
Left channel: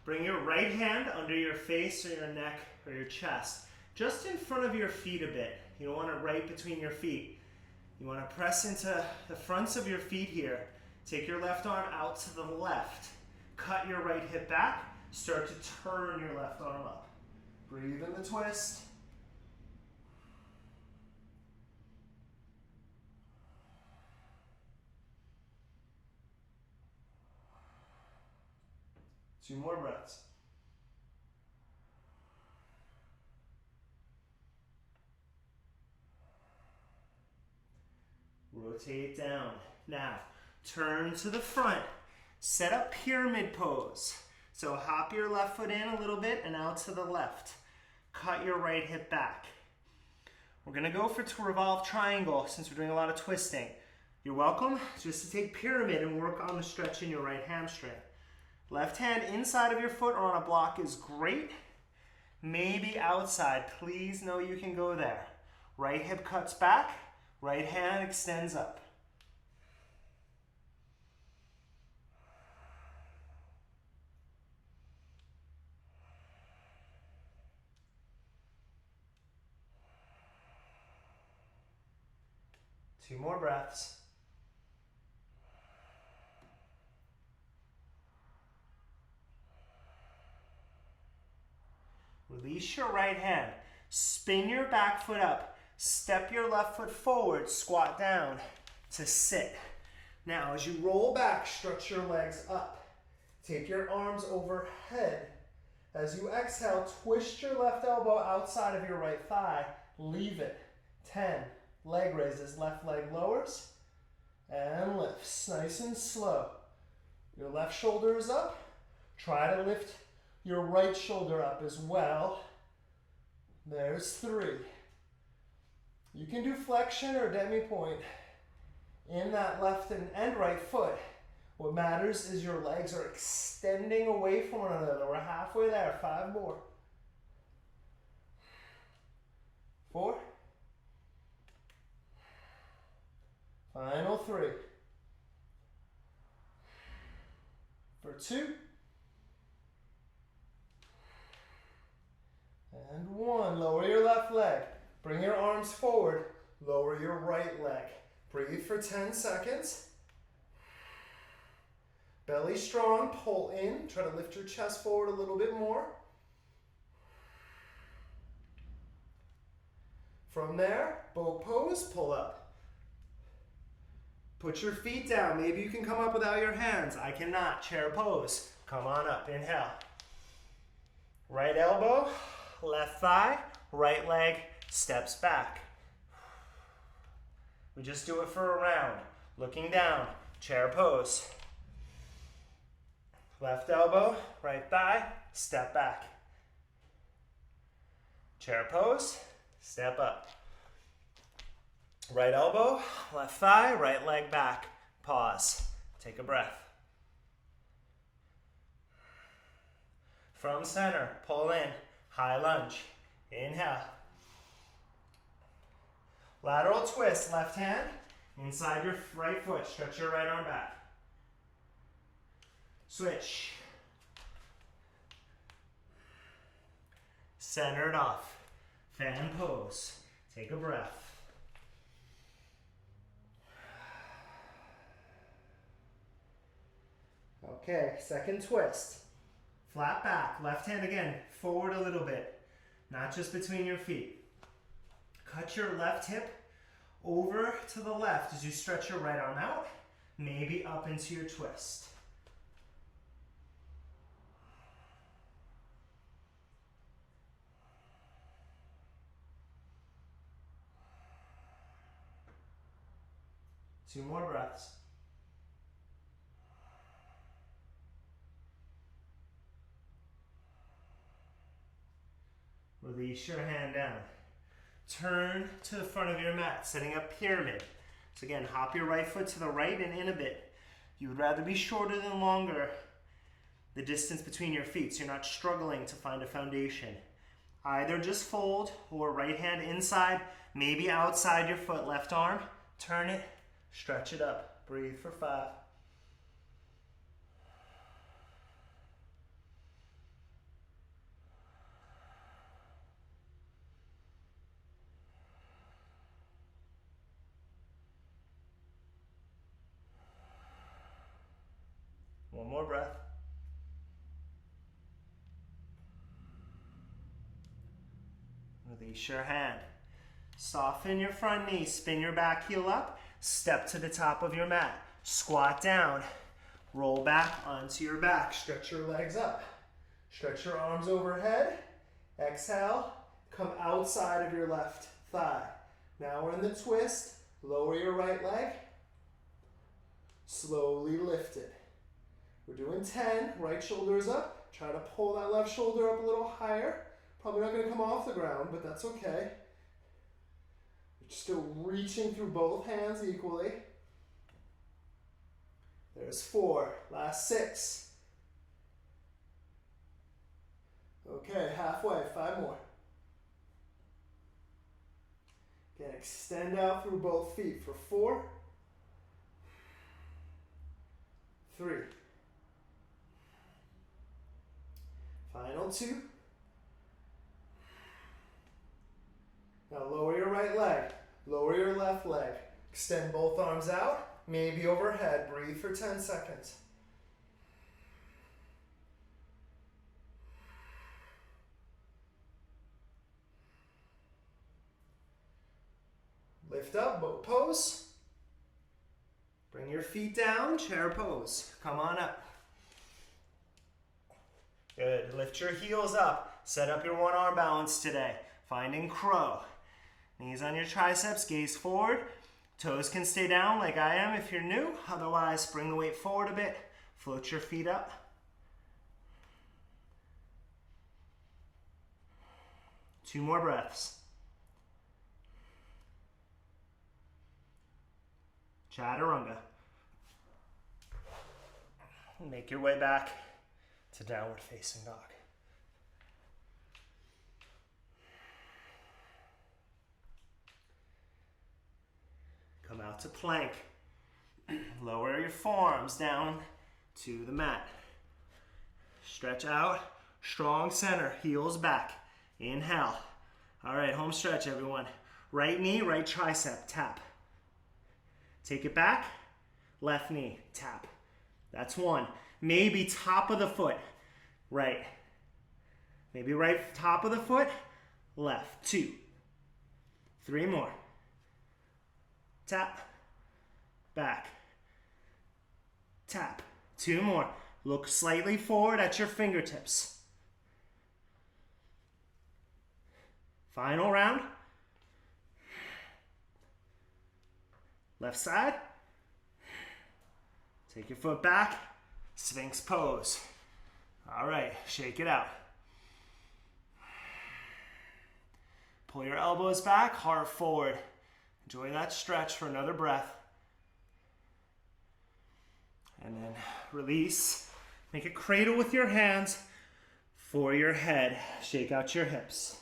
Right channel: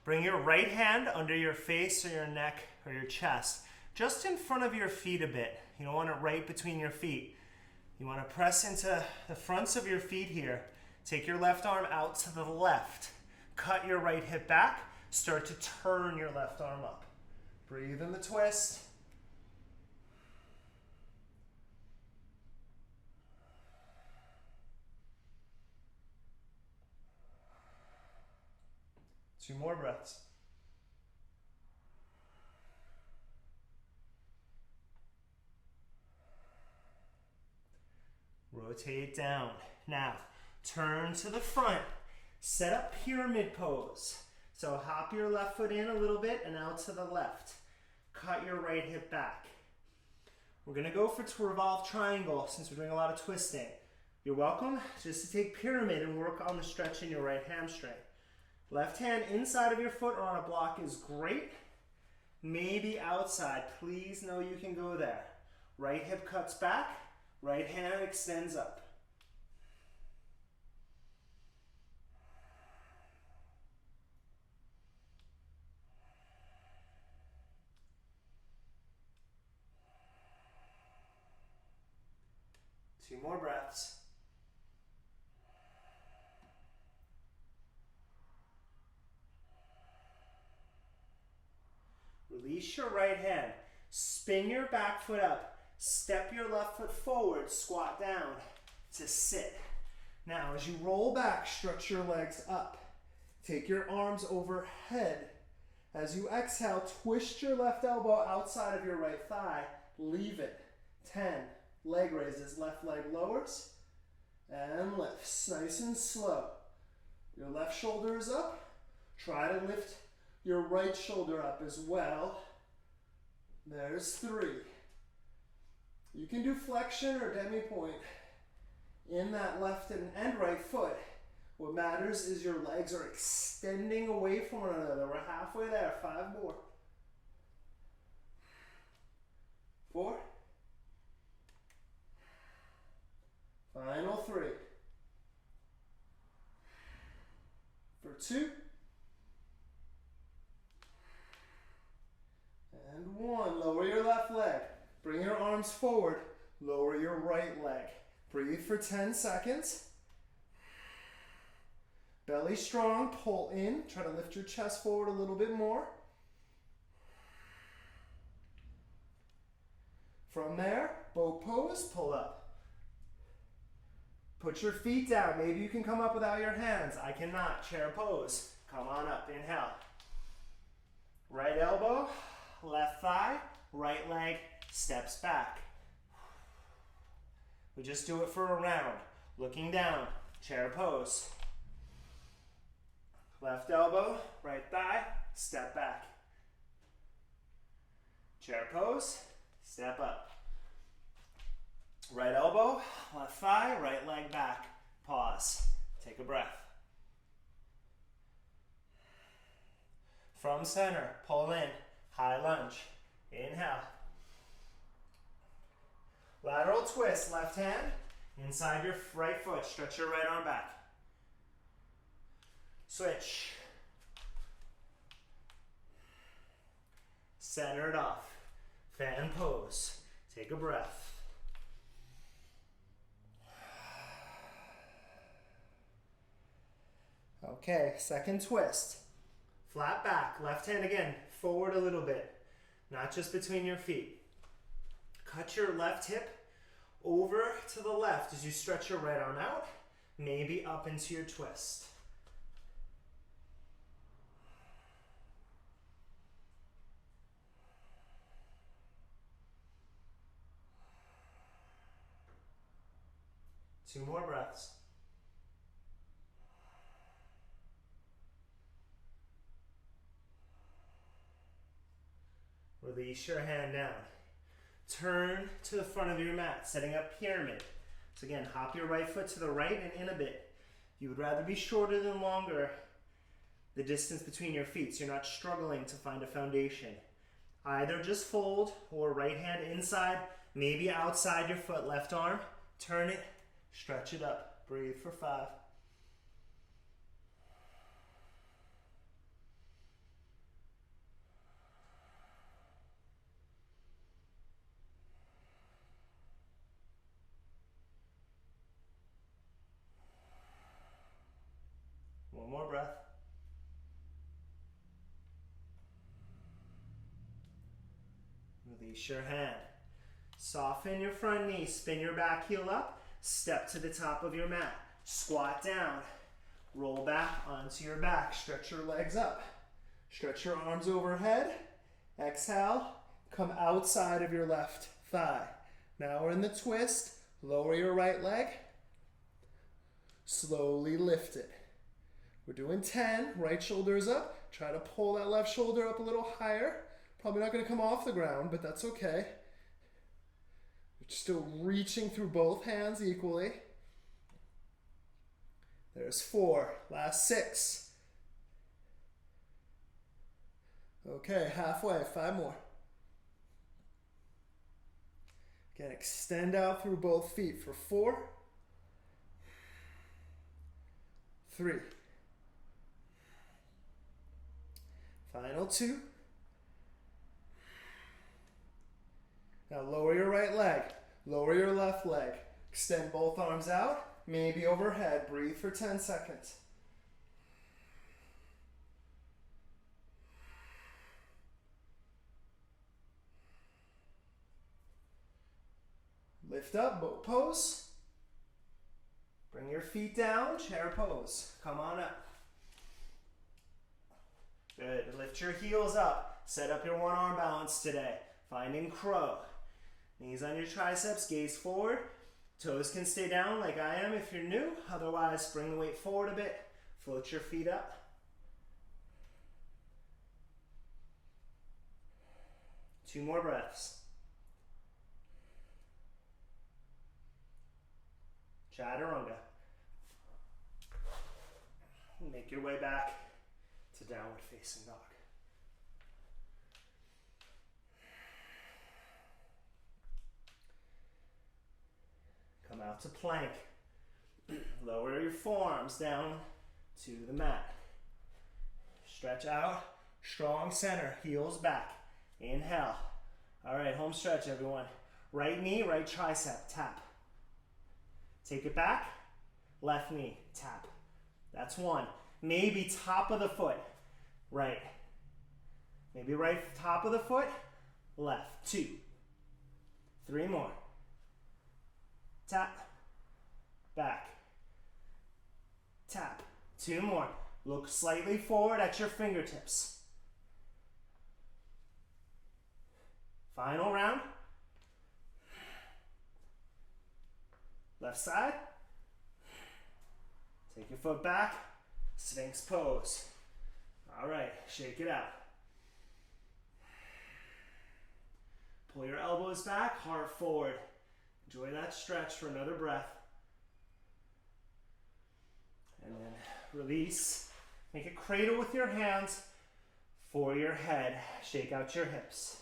Bring your right hand under your face or your neck or your chest, just in front of your feet a bit. You don't want it right between your feet. You want to press into the fronts of your feet here. Take your left arm out to the left. Cut your right hip back. Start to turn your left arm up. Breathe in the twist. Two more breaths. Rotate down. Now, turn to the front. Set up pyramid pose. So hop your left foot in a little bit and out to the left. Cut your right hip back. We're gonna go to Revolve Triangle since we're doing a lot of twisting. You're welcome just to take pyramid and work on the stretch in your right hamstring. Left hand inside of your foot or on a block is great. Maybe outside. Please know you can go there. Right hip cuts back. Right hand extends up. Two more breaths. Release your right hand. Spin your back foot up. Step your left foot forward. Squat down to sit. Now, as you roll back, stretch your legs up. Take your arms overhead. As you exhale, twist your left elbow outside of your right thigh. Leave it. 10. Leg raises. Left leg lowers and lifts. Nice and slow. Your left shoulder is up. Try to lift your right shoulder up as well. There's 3. You can do flexion or demi-point. in that left and right foot. What matters is your legs are extending away from one another. We're halfway there. 5 more. 4. Final 3. For 2. And 1. Lower your left leg. Bring your arms forward. Lower your right leg. Breathe for 10 seconds. Belly strong, pull in. Try to lift your chest forward a little bit more. From there, boat pose, pull up. Put your feet down. Maybe you can come up without your hands. I cannot. Chair pose. Come on up. Inhale. Right elbow, left thigh, right leg steps back. We just do it for a round. Looking down, chair pose. Left elbow, right thigh, step back. Chair pose, step up. Right elbow, left thigh, right leg back. Pause. Take a breath. From center, pull in, high lunge. Inhale. Lateral twist, left hand, inside your right foot. Stretch your right arm back. Switch. Centered off. Fan pose. Take a breath. Okay, second twist. Flat back, left hand again, forward a little bit, not just between your feet. Cut your left hip over to the left as you stretch your right arm out, maybe up into your twist. Two more breaths. Release your hand down. Turn to the front of your mat, setting up pyramid. So again, hop your right foot to the right and in a bit. You would rather be shorter than longer, the distance between your feet, so you're not struggling to find a foundation. Either just fold or right hand inside, maybe outside your foot, left arm, turn it, stretch it up. Breathe for 5. One more breath. Release your hand. Soften your front knee, spin your back heel up, step to the top of your mat. Squat down, roll back onto your back, stretch your legs up. Stretch your arms overhead. Exhale, come outside of your left thigh. Now we're in the twist. Lower your right leg. Slowly lift it. We're doing 10, right shoulder is up. Try to pull that left shoulder up a little higher. Probably not going to come off the ground, but that's okay. You're still reaching through both hands equally. There's 4, last 6. Okay, halfway, 5 more. Again, extend out through both feet for 4, 3. Final 2. Now lower your right leg, lower your left leg. Extend both arms out, maybe overhead. Breathe for 10 seconds. Lift up, boat pose. Bring your feet down, chair pose. Come on up. Good. Lift your heels up. Set up your one arm balance today. Finding crow. Knees on your triceps, gaze forward. Toes can stay down like I am if you're new. Otherwise, bring the weight forward a bit. Float your feet up. Two more breaths. Chaturanga. And make your way back to downward facing dog. Come out to plank. Lower your forearms down to the mat. Stretch out, strong center, heels back. Inhale. All right, home stretch, everyone. Right knee, right tricep, tap. Take it back, left knee, tap. That's one. Maybe top of the foot, right. Maybe right top of the foot, left. 2. 3 more. Tap, back, tap. 2 more. Look slightly forward at your fingertips. Final round. Left side. Take your foot back. Sphinx pose. All right, shake it out. Pull your elbows back, heart forward. Enjoy that stretch for another breath. And then release. Make a cradle with your hands for your head. Shake out your hips.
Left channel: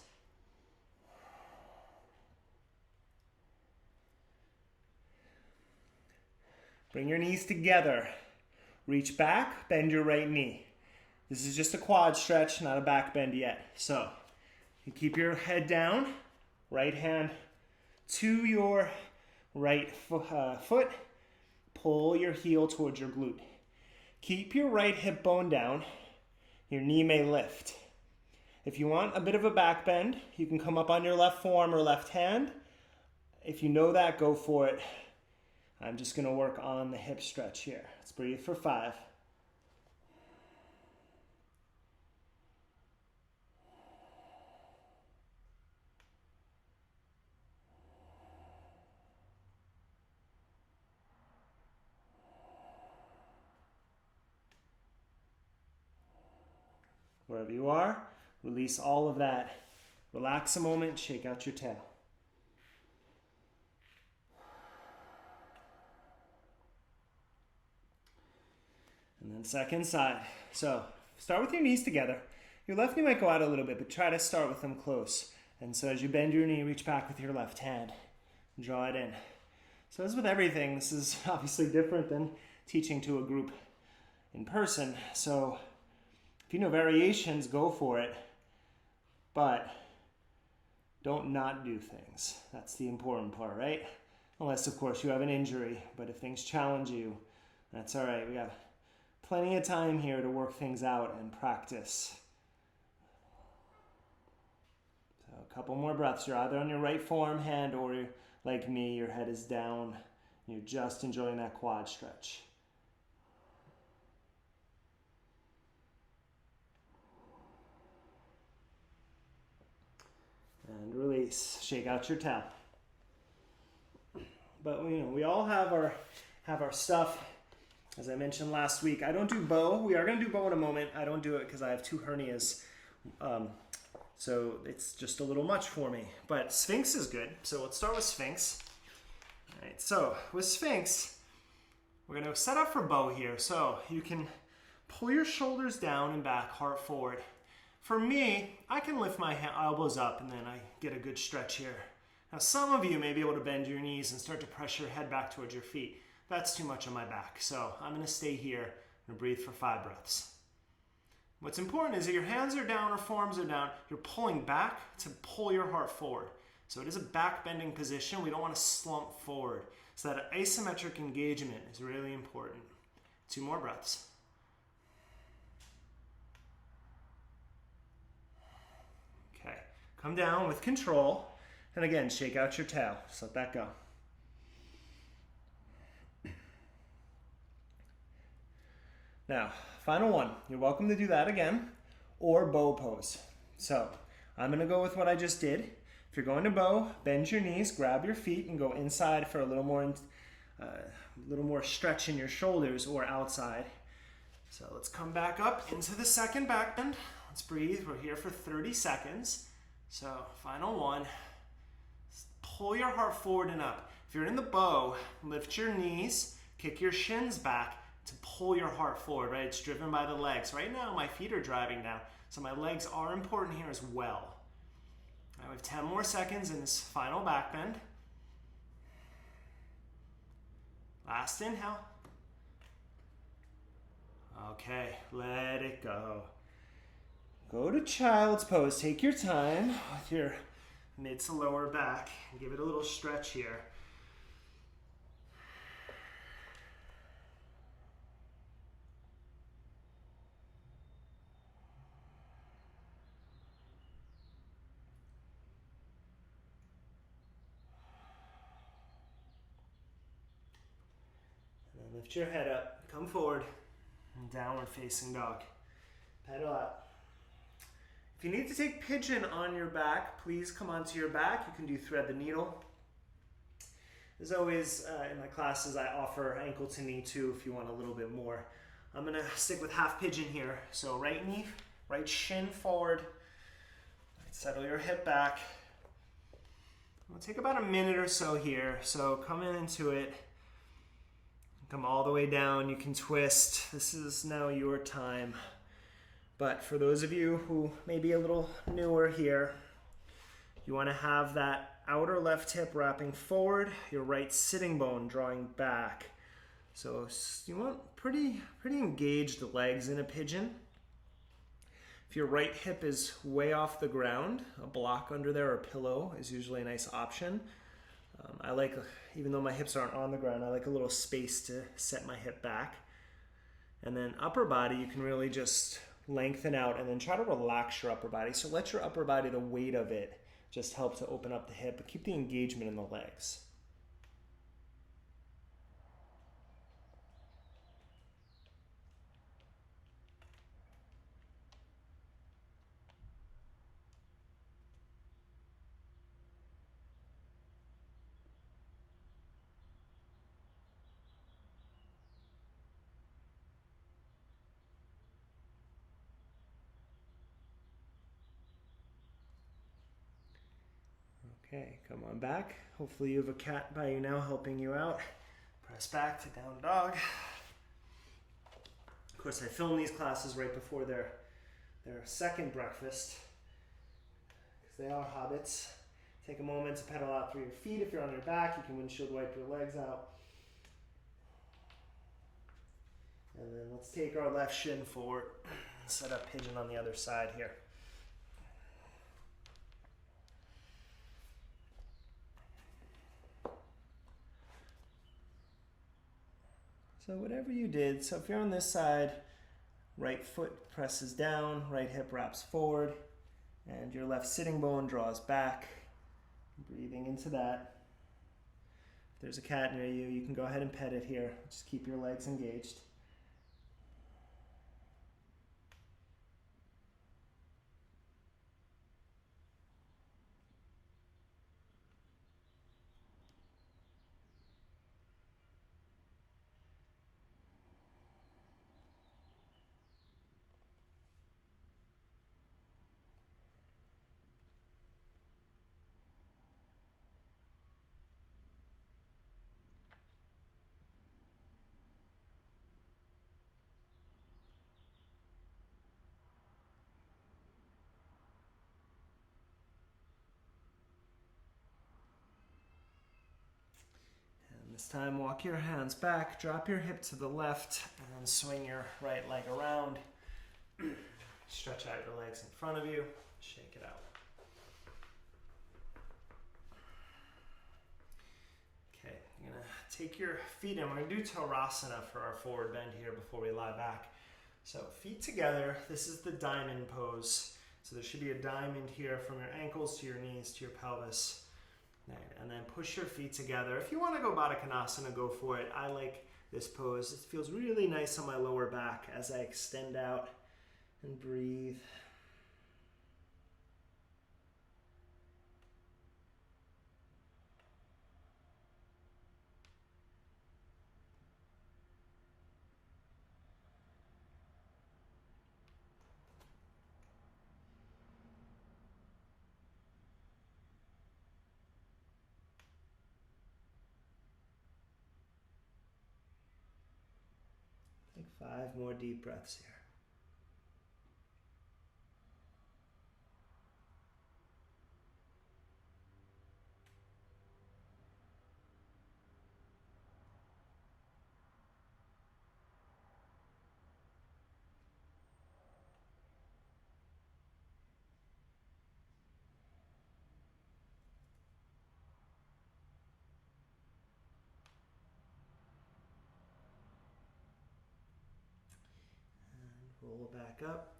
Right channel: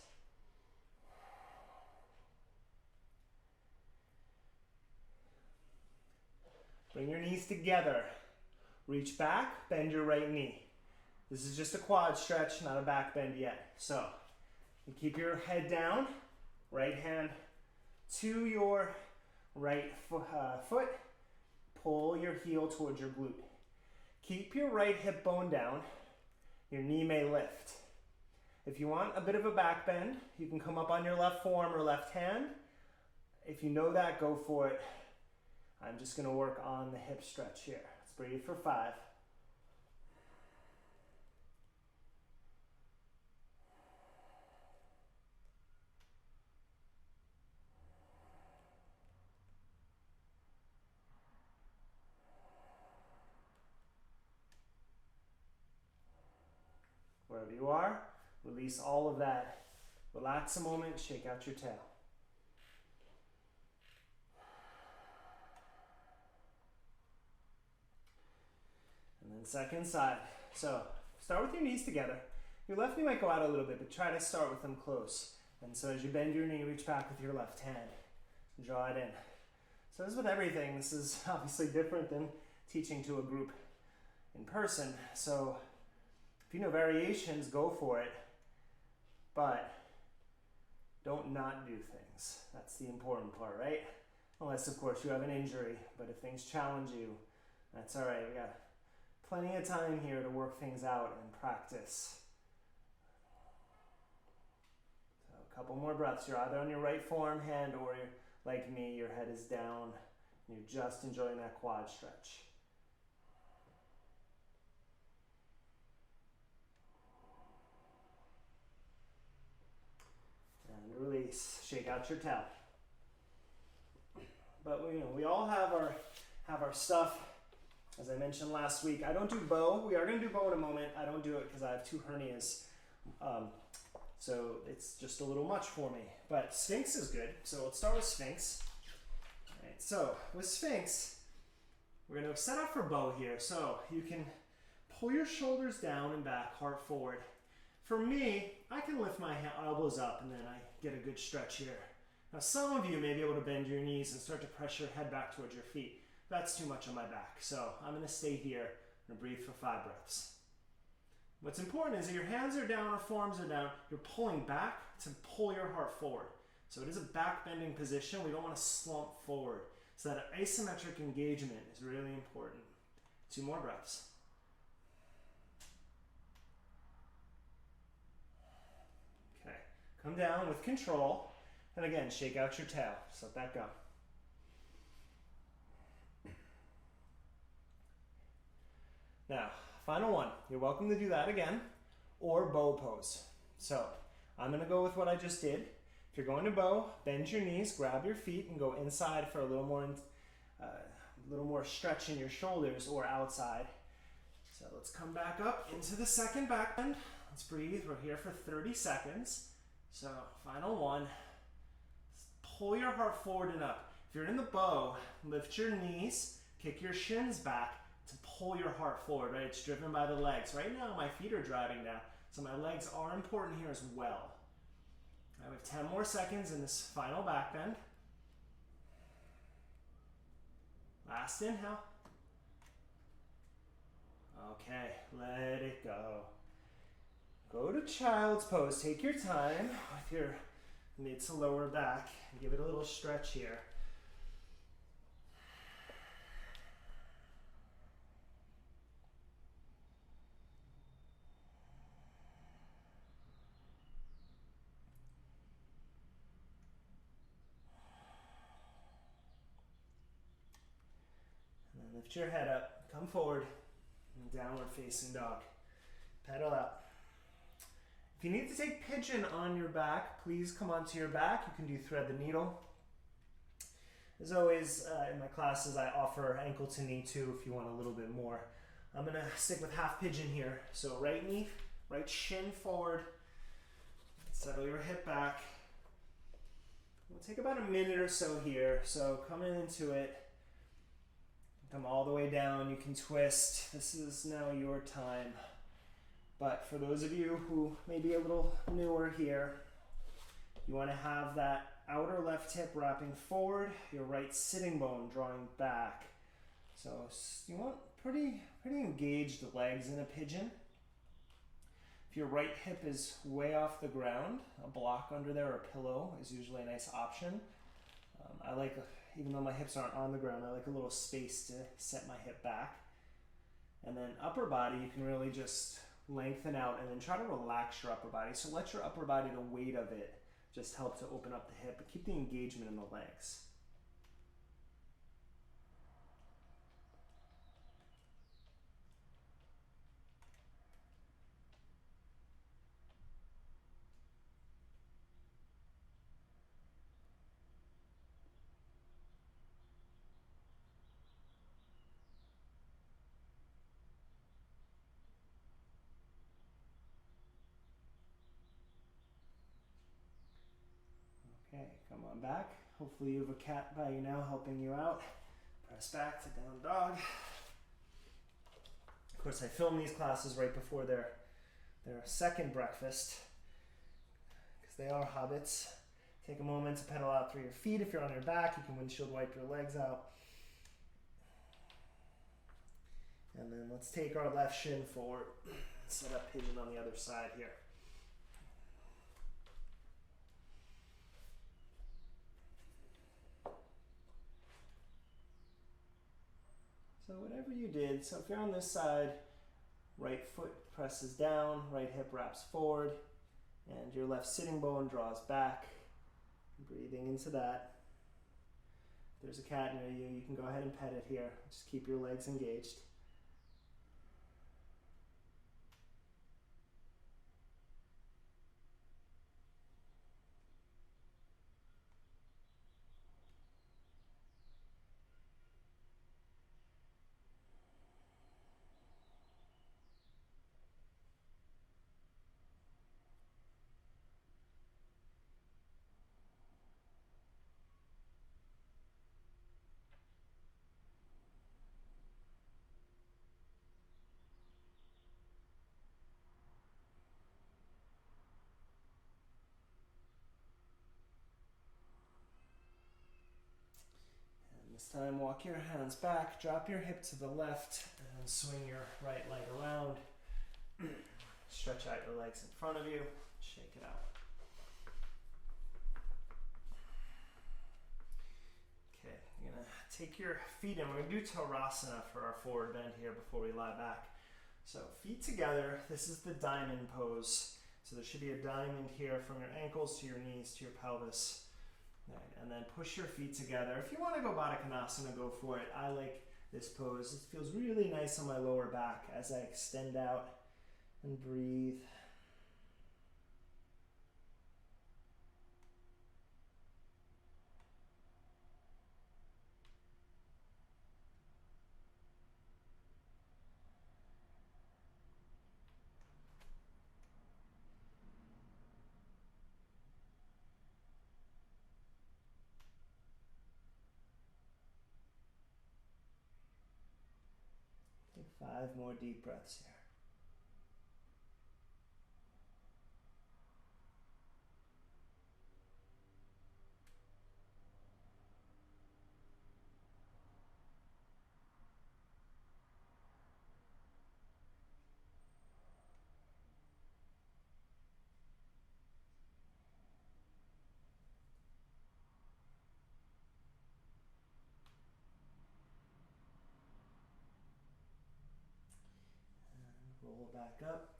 Bring your knees together. Reach back, bend your right knee. This is just a quad stretch, not a back bend yet. So you keep your head down, right hand to your right foot. Pull your heel towards your glute. Keep your right hip bone down. Your knee may lift. If you want a bit of a back bend, you can come up on your left forearm or left hand. If you know that, go for it. I'm just going to work on the hip stretch here. Let's breathe for 5. Wherever you are, release all of that. Relax a moment, shake out your tail. And then second side. So start with your knees together. Your left knee might go out a little bit, but try to start with them close. And so as you bend your knee, reach back with your left hand. Draw it in. So as with everything, this is obviously different than teaching to a group in person. So if you know variations, go for it. But don't not do things. That's the important part, right? Unless, of course, you have an injury. But if things challenge you, that's all right. We got plenty of time here to work things out and practice. So a couple more breaths. You're either on your right forearm hand or you're, like me, your head is down. You're just enjoying that quad stretch. And release. Shake out your tail. But we all have our stuff. As I mentioned last week, I don't do bow. We are going to do bow in a moment. I don't do it because I have 2 hernias. So it's just a little much for me. But Sphinx is good. So let's start with Sphinx. All right, so with Sphinx, we're going to set up for bow here. So you can pull your shoulders down and back, heart forward. For me, I can lift my elbows up and then I get a good stretch here. Now some of you may be able to bend your knees and start to press your head back towards your feet. That's too much on my back. So I'm going to stay here and breathe for 5 breaths. What's important is that your hands are down or forearms are down. You're pulling back to pull your heart forward. So it is a back bending position. We don't want to slump forward. So that isometric engagement is really important. 2 more breaths. Okay, come down with control. And again, shake out your tail. Just let that go. Now, final one. You're welcome to do that again, or bow pose. So, I'm going to go with what I just did. If you're going to bow, bend your knees, grab your feet, and go inside for a little more stretch in your shoulders, or outside. So let's come back up into the second back bend. Let's breathe. We're here for 30 seconds. So, final one. Pull your heart forward and up. If you're in the bow, lift your knees, kick your shins back to pull your heart forward, right? It's driven by the legs. Right now, my feet are driving now, so my legs are important here as well. All right, we have 10 more seconds in this final back bend. Last inhale. Okay, let it go. Go to child's pose. Take your time with your mid to lower back. Give it a little stretch here. And then lift your head up, come forward, and downward facing dog. Pedal out. If you need to take pigeon on your back, please come onto your back. You can do thread the needle. As always, in my classes, I offer ankle to knee too if you want a little bit more. I'm gonna stick with half pigeon here. So right knee, right shin forward. Settle your hip back. It'll take about a minute or so here. So come into it. Come all the way down. You can twist. This is now your time. But for those of you who may be a little newer here, you want to have that outer left hip wrapping forward, your right sitting bone drawing back. So you want pretty engaged legs in a pigeon. If your right hip is way off the ground, a block under there or a pillow is usually a nice option. I like, even though my hips aren't on the ground, I like a little space to set my hip back. And then upper body, you can really just lengthen out and then try to relax your upper body. So let your upper body, the weight of it, just help to open up the hip, but keep the engagement in the legs. Okay, come on back. Hopefully you have a cat by you now helping you out. Press back to down dog. Of course, I film these classes right before their second breakfast because they are hobbits. Take a moment to pedal out through your feet. If you're on your back, you can windshield wipe your legs out. And then let's take our left shin forward. Set up pigeon on the other side here. So whatever you did, so if you're on this side, right foot presses down, right hip wraps forward, and your left sitting bone draws back. Breathing into that. If there's a cat near you, you can go ahead and pet it here. Just keep your legs engaged. This time, walk your hands back, drop your hip to the left, and then swing your right leg around. Stretch out your legs in front of you, shake it out. Okay, you're gonna take your feet in. We're gonna do Tadasana for our forward bend here before we lie back. So feet together, this is the diamond pose. So there should be a diamond here from your ankles to your knees to your pelvis. And then push your feet together. If you want to go Baddha Konasana, go for it. I like this pose. It feels really nice on my lower back as I extend out and breathe. 5 more deep breaths here. Roll back up.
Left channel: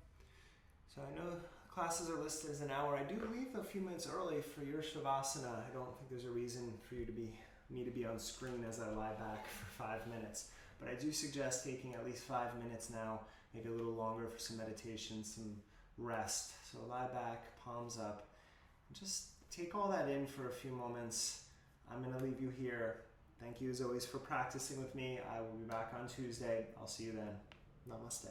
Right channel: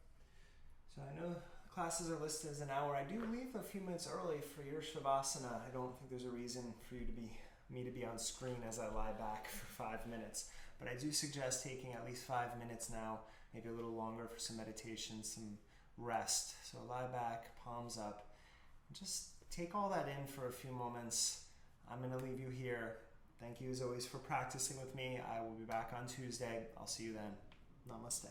So I know classes are listed as an hour. I do leave a few minutes early for your Shavasana. I don't think there's a reason for me to be on screen as I lie back for 5 minutes. But I do suggest taking at least 5 minutes now, maybe a little longer for some meditation, some rest. So lie back, palms up. Just take all that in for a few moments. I'm going to leave you here. Thank you as always for practicing with me. I will be back on Tuesday. I'll see you then. Namaste.